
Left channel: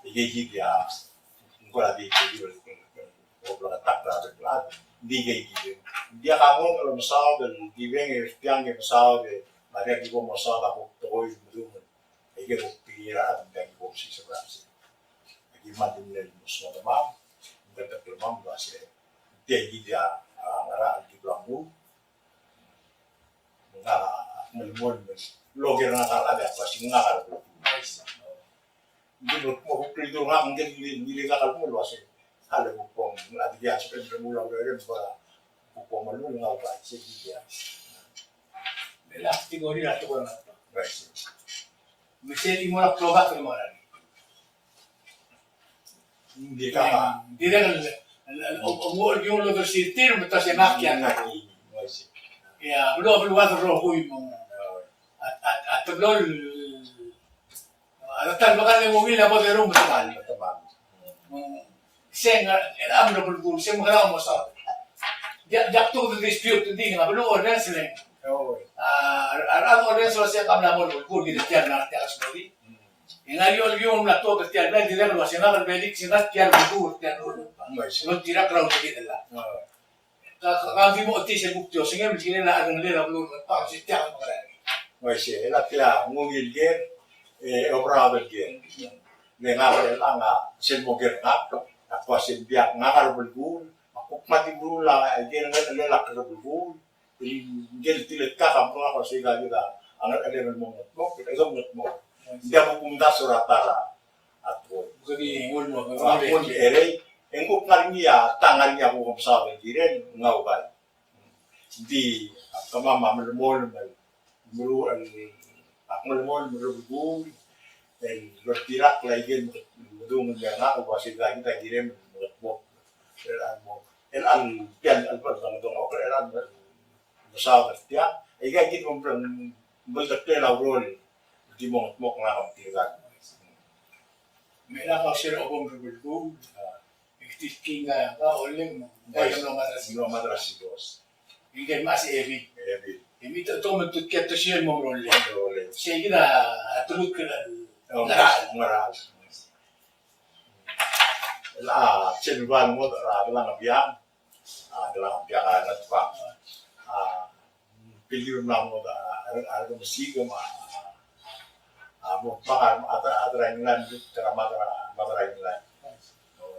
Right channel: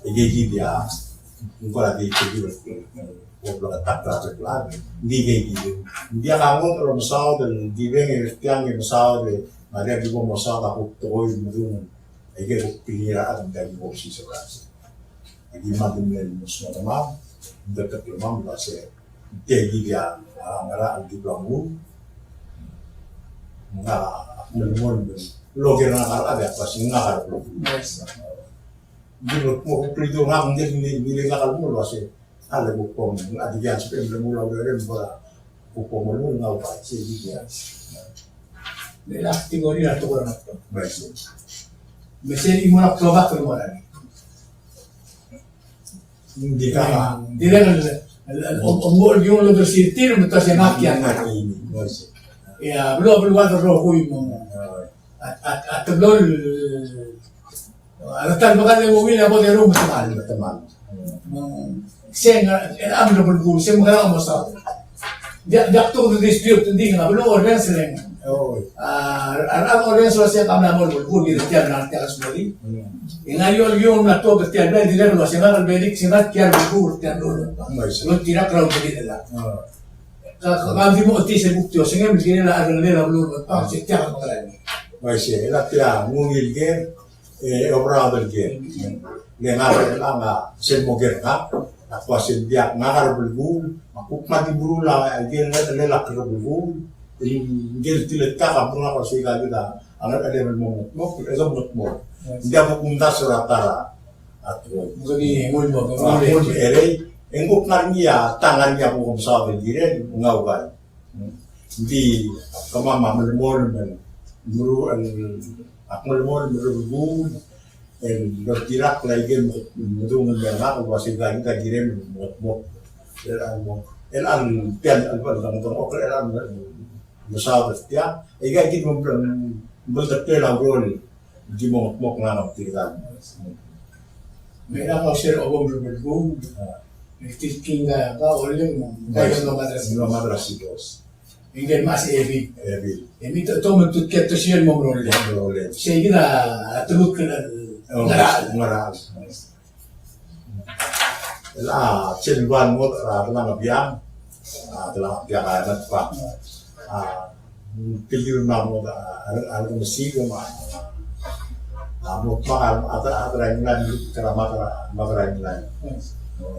Jadi dia engkau lagi jadi ngobrol tak terlalu di gini. Dia kamu kalau misal dan giving yang misal de ada di bawah misal aku toy mendung. Ege pikiran dari posisi sekarang. Lagi makin dari musuh teman, dekat teman berasa tinggi dia ngara di belakang, nggak menemukan logi nakal ada pasti nakal belum. Jadi mau pergi orang ngiling nakal mulu pasti ada bukong, ada dia seperti belum mulai dari mana bukong mulu nggak apa sih dia. Belak tinggal di ratu orang tu. Baik. Mesin ini murah kelobak ke mana? Hindi ka Dia kan umur dia lo bersirtir betul senakian. ini, masih. Ya belum ada roh huim. At belum ada tan bakal yang mobil apa dari rumah sekali. Teman. Saya ambil berburu, saya mengenal masalah. Dia tu dispute tinggi, nggak belum orang sering. Oh. Orang selesai kami nak berburu di setiap nanti akan sekali. Yang ayol na to setiap bulan di dalam luar sana belik sana tiap berburu tiap dulu. Lo tidak kerau begitu lah. Kami mau ti sebut tu, sehingga begini lah ada nilai belum tak setiap orang. Masih, elatnya ngumil gen, obrol gen. Lengar lama semoger ngap, aku asin biak ngar berbul, aku mati bulu lah, gen lelak berbul. Gen tilet kakak pun aku sih kita, anak ada yang mau, itu mau. Dia buku minta surat tara, atau Jadi ngul mo, aku ere, engkau nari ya tangan dia aku komsal begini, ngau kan. Di kemama melmol aku melmol berbul. Bertirak lagi mendung mendengar bahasa kita kirim buat elan pian alban tong oke elan besar setiap gitu bertetel labrol di mok ngamuk kirikan. Mereka share obom berburu, itu kinga apa oleh bayar No madrasi bos. Ingin masih ebi, Ebi tu mentut kita share momrol. boleh. Saya kira terus kena Ngeral. Lah cenduan mod telah ngabiang, telah ngabiang anak pak. Pilih nama ada mesti cuma mau makan ada ranginan cara makan ranginan.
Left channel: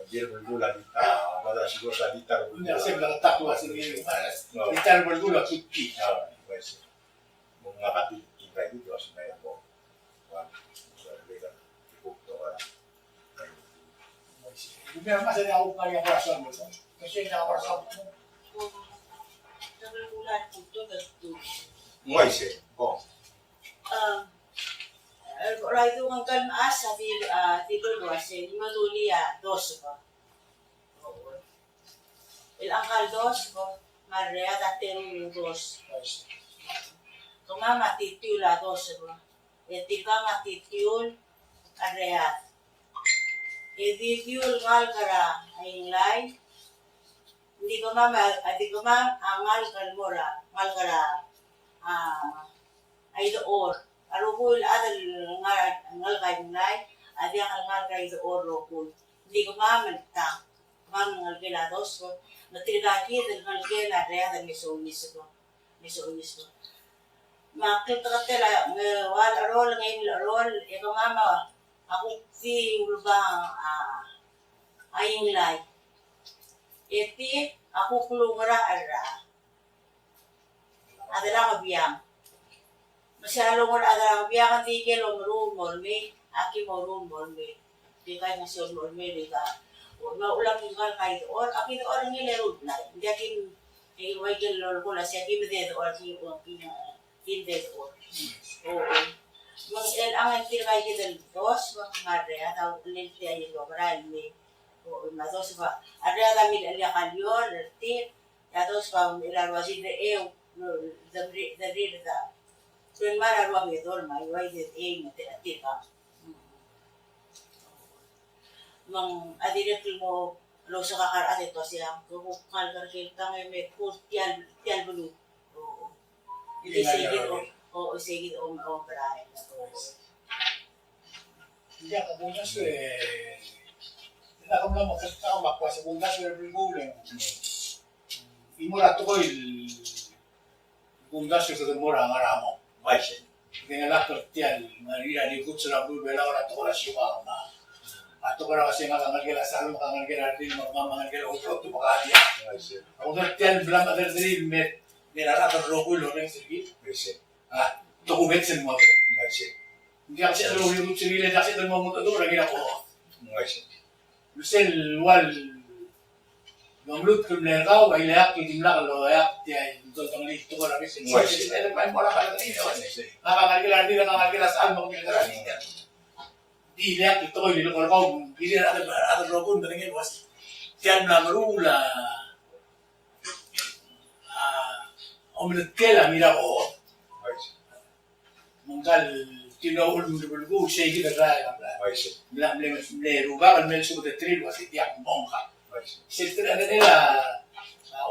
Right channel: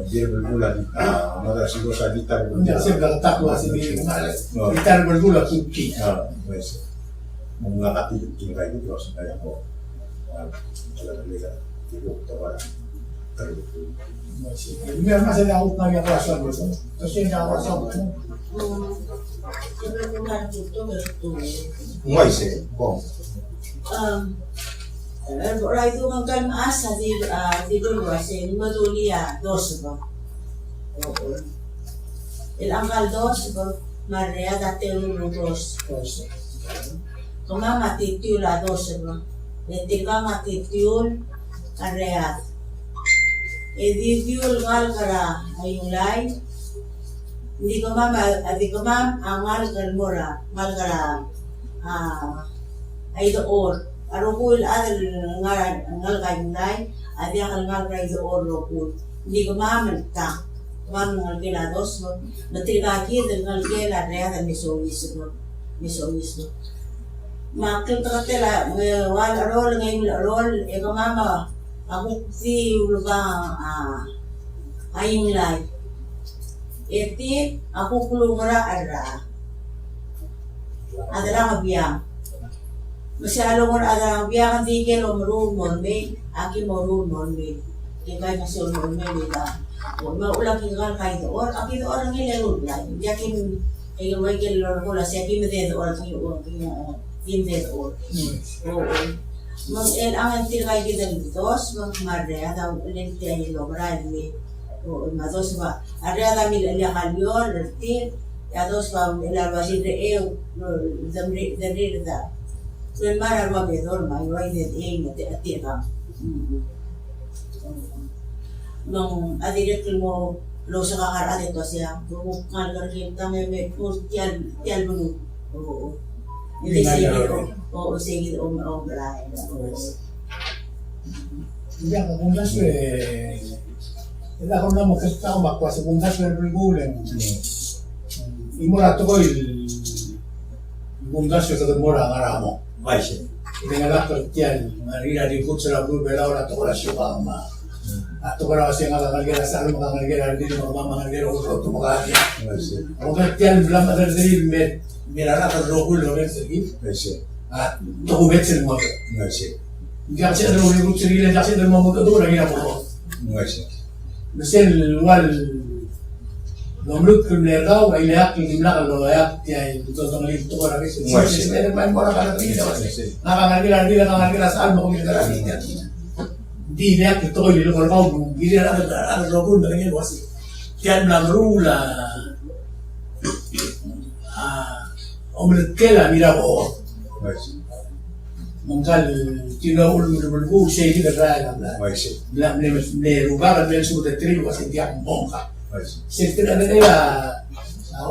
Dia berbulan madrasah dosa ditar Tidak saya bilang tak luas ini kita berburu kuki. Mengangkat itu kayak gitu terus kayak mau Biar masa yang aku nanya perasaan betul, terus yang perasaan betul. Kebetulan itu betul. Nggak sih, bom. Orang itu kan asa di dulu asal ni madulia dos ba. El angkal dos ba, Maria datelu dos. Kama matitiula dos ba. Etika matitiul kareat. Editiul ngal kara ayung lai. Hindi ko ma'am angal kalmora ngal kara ay doon. Arokul adal ngal kayong lai. Adi ang ngal kara doon rokul. Hindi ko ma'am ta. Ma'am ngal kila dos. Matirikaki dal ngal kila reat ang misulis mo. mismo. Makikatela wal arol ngayon arol eko mama aku si ulubang ayong lay. Eti aku kulungara ara. Adalah ngabiyang. Masyalo mo adalah ngabiyang di kelo marun monme, aki marun monme. Di kay masyal monme nila. Maulang kingal kay doon, aki doon ang ilerun lay. Di akin ay may kelo ko la siya kimede doon hindi doon. Oo. Mang ang tirkay kita dos, mang marea daw ulit tayo lograr ni. Oo, mados ba. Area da mil la kalyor, tir, ya dos pa la basi de eu, damri da. Kung mara mo bedor, may way de mate atika. Mang adirek mo lo sa kakar adito siya, kung kalgar may tial bulu. Oo. Hindi sige o sige o brahe. Hindi ako kung gasto Ila ako na mo kasi tao makwa sa kung gasto bergulen. Imurato ko kung gasto sa mura ang aramo. Vai ser. Ito nga lang Cristian, marina di kutsa na bubela ora to ko na siya pa ma. Ato ko na kasi nga kakalgera sa alma kakalgera hindi mo mamakalgera o to makakaya. Vai ser. Ako Cristian bilang madadali Mirara ka rogo loren segi. Vai ser. Dokument sa mga. Vai ser. Hindi kasi ano yung kutsirila kasi ng mga mutadura ginapo. Vai ser. Misil wal Gomrut kumlerda wa ilayak yung dimla kalau ayak tiay itu tong lito ko rabi sin. May mora ka rin daw. Nakakagila hindi nakakagila sa almo ko binara niya. Di ilayak ito ko lilo ko ko hindi na ada rogon dengan wasi. Tiyan na marula. Omletkela mira ko. Vai ser. Mangkal tinaul mo bulgo siya hindi na Vai ser. Bla ne rubaga ben su de trigo kasi tiyak bongka. Vai ser. Siyempre na nila,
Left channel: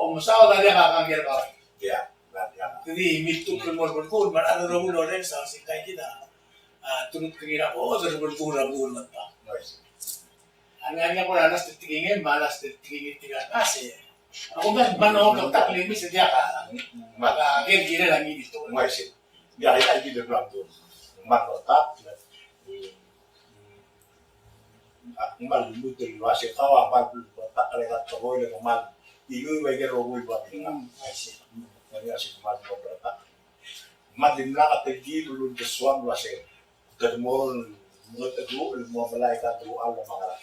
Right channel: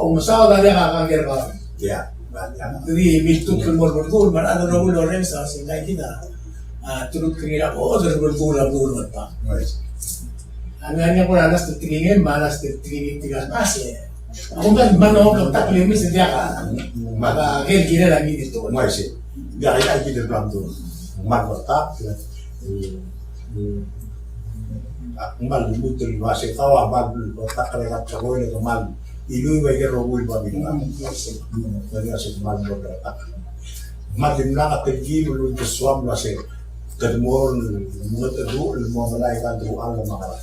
umasawa na niya kakagir ka. Ya. Vai. Jadi, mintuk kulmur-kulmur, marano na ulo rin sa singkay kita. Turut kira ko, kulmur-kulmur pa. Vai ser. Ang nga ko nanas titingin, malas titingin tigas base. Ako ba, manok, taklimis, hindi ka. Maka, kira lagi dito. Vai ser. Ya aí aqui do plano do Marmota. Mal muito vai ser tawa mal tak kaya ko ni mal ilu way kero bul ba binga jadi asik mal mo tak mal din na kategil lu to swam la se tadmor mo tadu mo malay kan do al makara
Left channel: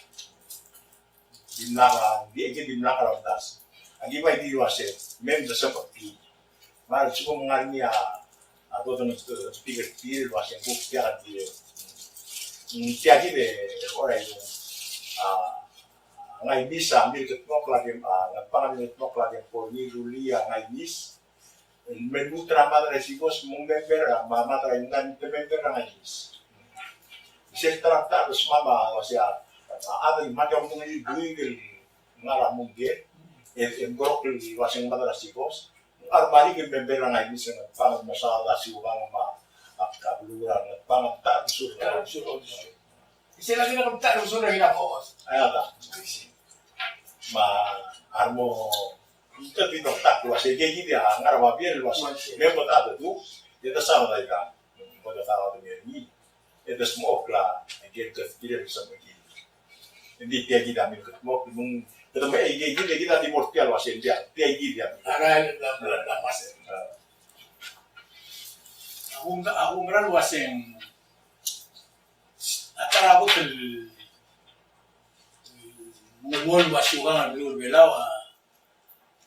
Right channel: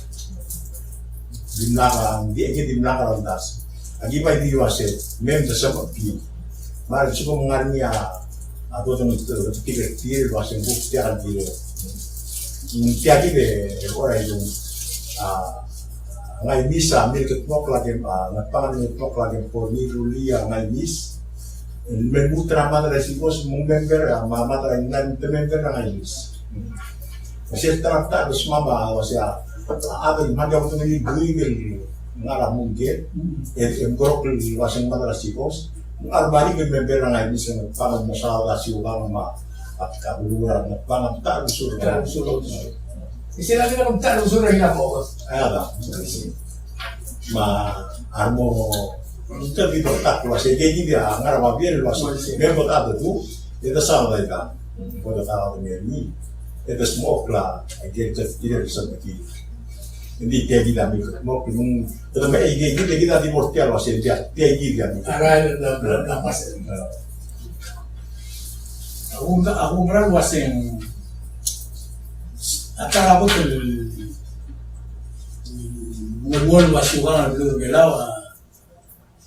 dimna ka di ege dimna ka randas agi ba di wase mem to sa pi mal su ko ngarni ato to to tigre tir wase buk tiakan di tiaki de ora itu ngai misa mil ketmok lagi ngapangan ketmok lagi porni rulia ngai mis menmutra madre sikos member mama tra nan member ngai mis masih trakta terus mama masih ada mandi waktu ini guigil ngara mungkin grok wasing madre sikos armari ke member ngai mis ngapangan masalah siubang ma kabuluran ngapangan tak usul Istilah kita kebetulan usul lagi na po. Ayada. Ma armo kita dito tak wase kegi dia ngara biar wase me bota tu eta sa dai ka bota ta de mi eta smoke la agir ke dia bisa bagi hindi kegi da mi mo pun eta me kegi kita di portial wase dia kegi dia mi Ara na pas. Ako meral waseng Atara ko ngomong wasuhan ang blur belaw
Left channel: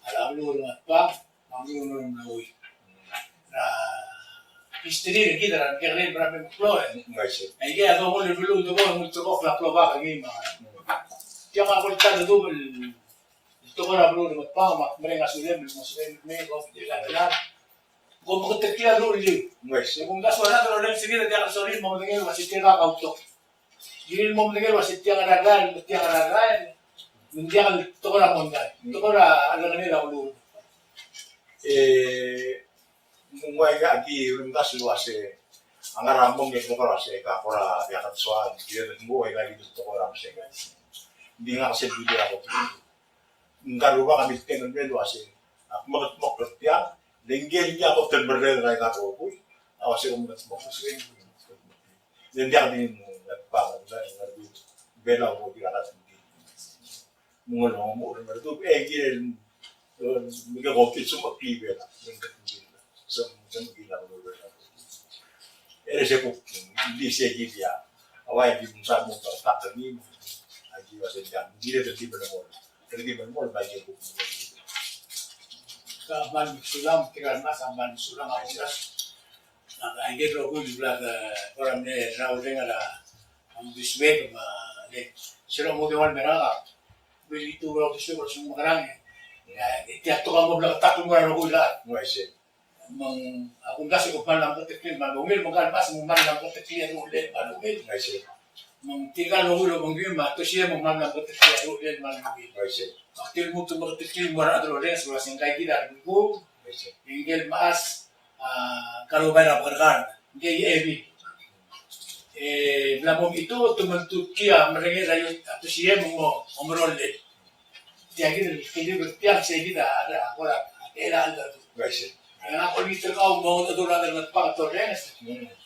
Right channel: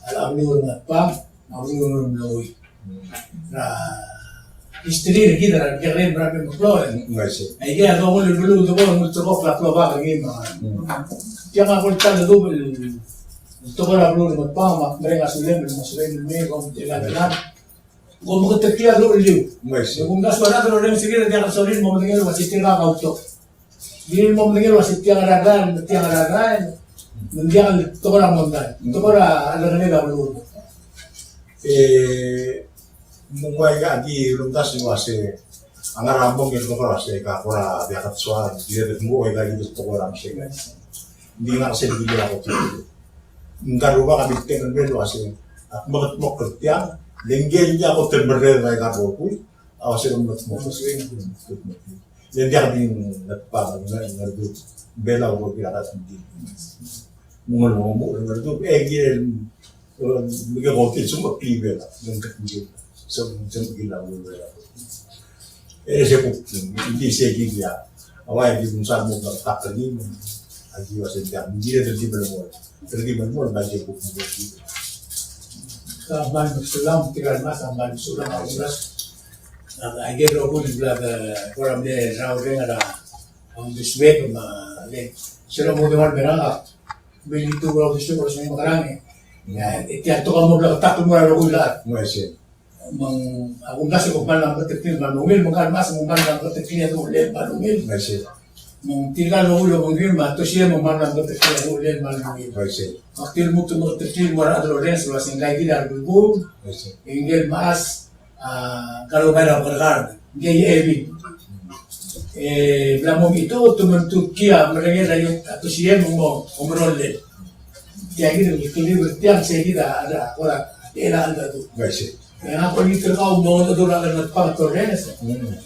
alam blur ngapa blur bloy na istri kita na kaya berapa mukloy ngai se ay kaya ako ulo dulu to ko mucho ko flak ba kaya mga kaya ako tan double ito ko na blur ngapa makrenga sulen me ko tilan ko mo ketekla dulu ngai se kung gaswala to rin sige dia solin mo tingel wasitira ka auto Hindi mo mendengar wasit tiang aragan, mendiang itu orang mondai, itu orang ada nila ulur. Mungway ka agi luntas wase angar ambong yang ko wase ka kora biakat soal dire det mo ka gitu to orang se. Hindi nga kasi dili ako tulo. Ngaruba kami tengen ben wase ak magat mo kertiang Lenggel niya ako terberer na ako po. Ako siya kung mo. Yan dia din nagpapag na ngardo. Bela ko kirakat hindi. Mga mo ngardo. Gil mga kokin sumot kibela ng katungil. So gilaw wala. Siya po hindi siya giya. Away di kung saan mo takani mo. Agi wasin dia. Hindi na di mo. Terdi mo ba siya po dito. Kaman Sulam, tigal mas aman Sulam Aulas. I gave a good blood for a day, now ring on this way from the Sino mo naman beranga. Bili tu kalau gusto ko sa mga karang. Itiyak to mo bla takto mo ro ulat. Mo siya. Akong nasa ko man ang katikil manungil mo kan mas mo man ang katikil no ulit manungil. Mo siya. Mong tigal no ulo mong yun to siya mo man ang katikil no ulit manungil. Mo siya. Aktil mo to mo katikil mo ra adro ren so asing lagi dar bulbul. Mo siya. Ingel mas kalau bayar berkar dia evi. Belamo itu teman-teman kia mereka dari atau siapa mau omrolle. Tiada ini bertiang saya tidak ada orang era anda tu. Mo siya. Yang aku ni terkau mau tu orang dengan faktor renes.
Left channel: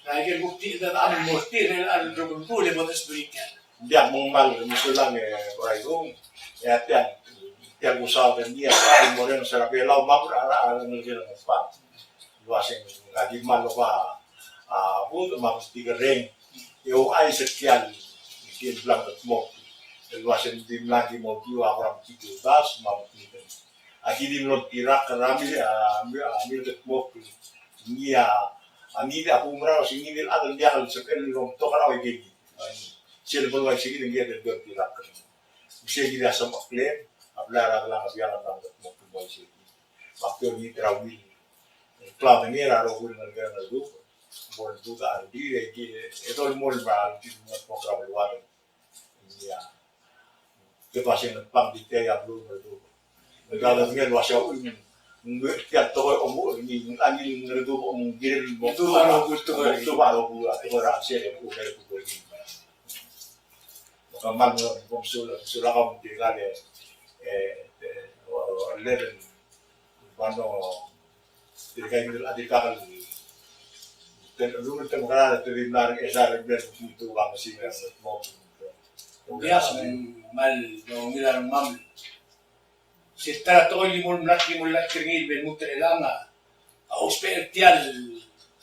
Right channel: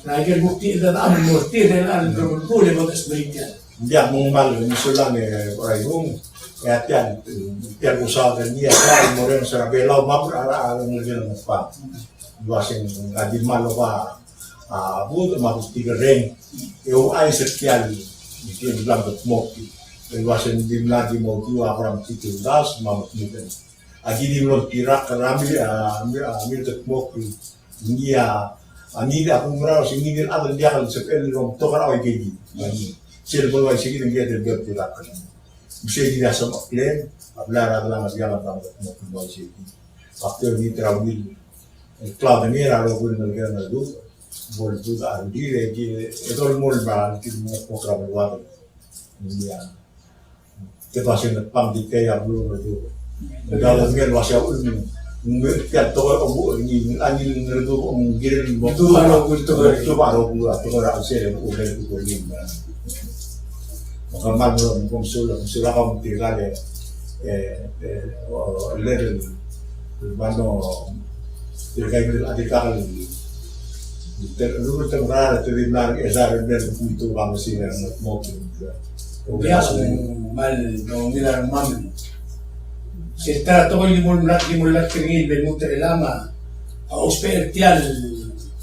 Lagi bukti dan ada bukti dan ada boleh buat sebenarnya. Dia mengmal musulang orang itu. Ya tiang usaha dan dia saya moren serabela mapra ala ngel pa. Duasing adi malo pa buto magusti gereng. Eu ai setial di blanco smoky. Duasing di lagi mo kiwa from titul das mamut niten. Agi di lo tirak ramil amil ke smoky. Ngia anida aku merau sini din adal dia kalau sepel rom tokar awai keji. Sir boleh sini dia der tirak. Bisa tidak sama klaim, hablar adalah segala bangsa mau kembali sini. Waktu ini terawil, klub ini raro pun negara nadu, boleh tu dah diri itu mul bahan kita program luar. India, kepasin pam di kaya belum itu. Negara negara masih ini, mungkin toh kamu ini angin nadu mungkin Itu baru kultur. itu baru atau orang Asia yang udah itu ini. Kamar mo sula ka tirale level mano tirkai del adikal lu temporada terminal esa rebel itu kami sih mo Dia mal no mira mam. Se está todo el mundo kringil ben mutre lama. Ausper tial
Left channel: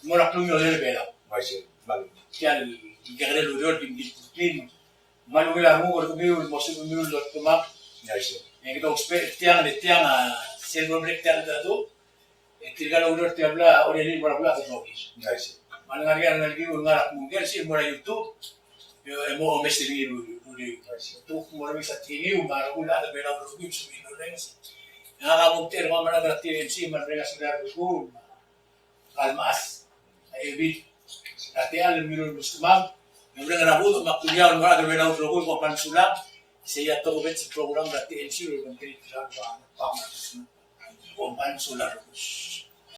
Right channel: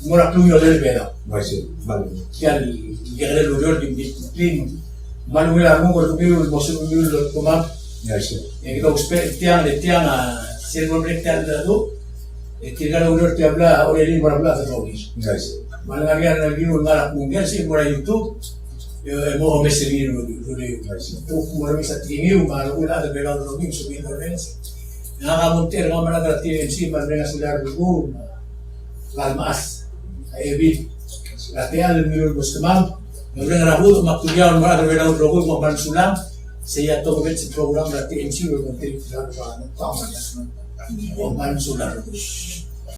mora plumio del vera. masih malu Tial guerrero luriol bin Manuel Armugo el museo lo tomam masih en que tiang a ser hombre tiang da do tirar un norte habla o le para hablar de lobis masih Mangaria el libro ngara mundial si por YouTube mo me seguir masih tu mo me sa tiniu malo una de bela do lobis subindo lens nga monter nga mana da TMC para venga sular do las evit la teal el miro bustamam. Yang dengan Rabu untuk maktubian mana berbeda untuk Rabu untuk Sulam, saya tahu bet program berarti MC berarti tidak ada apa-apa. Sulam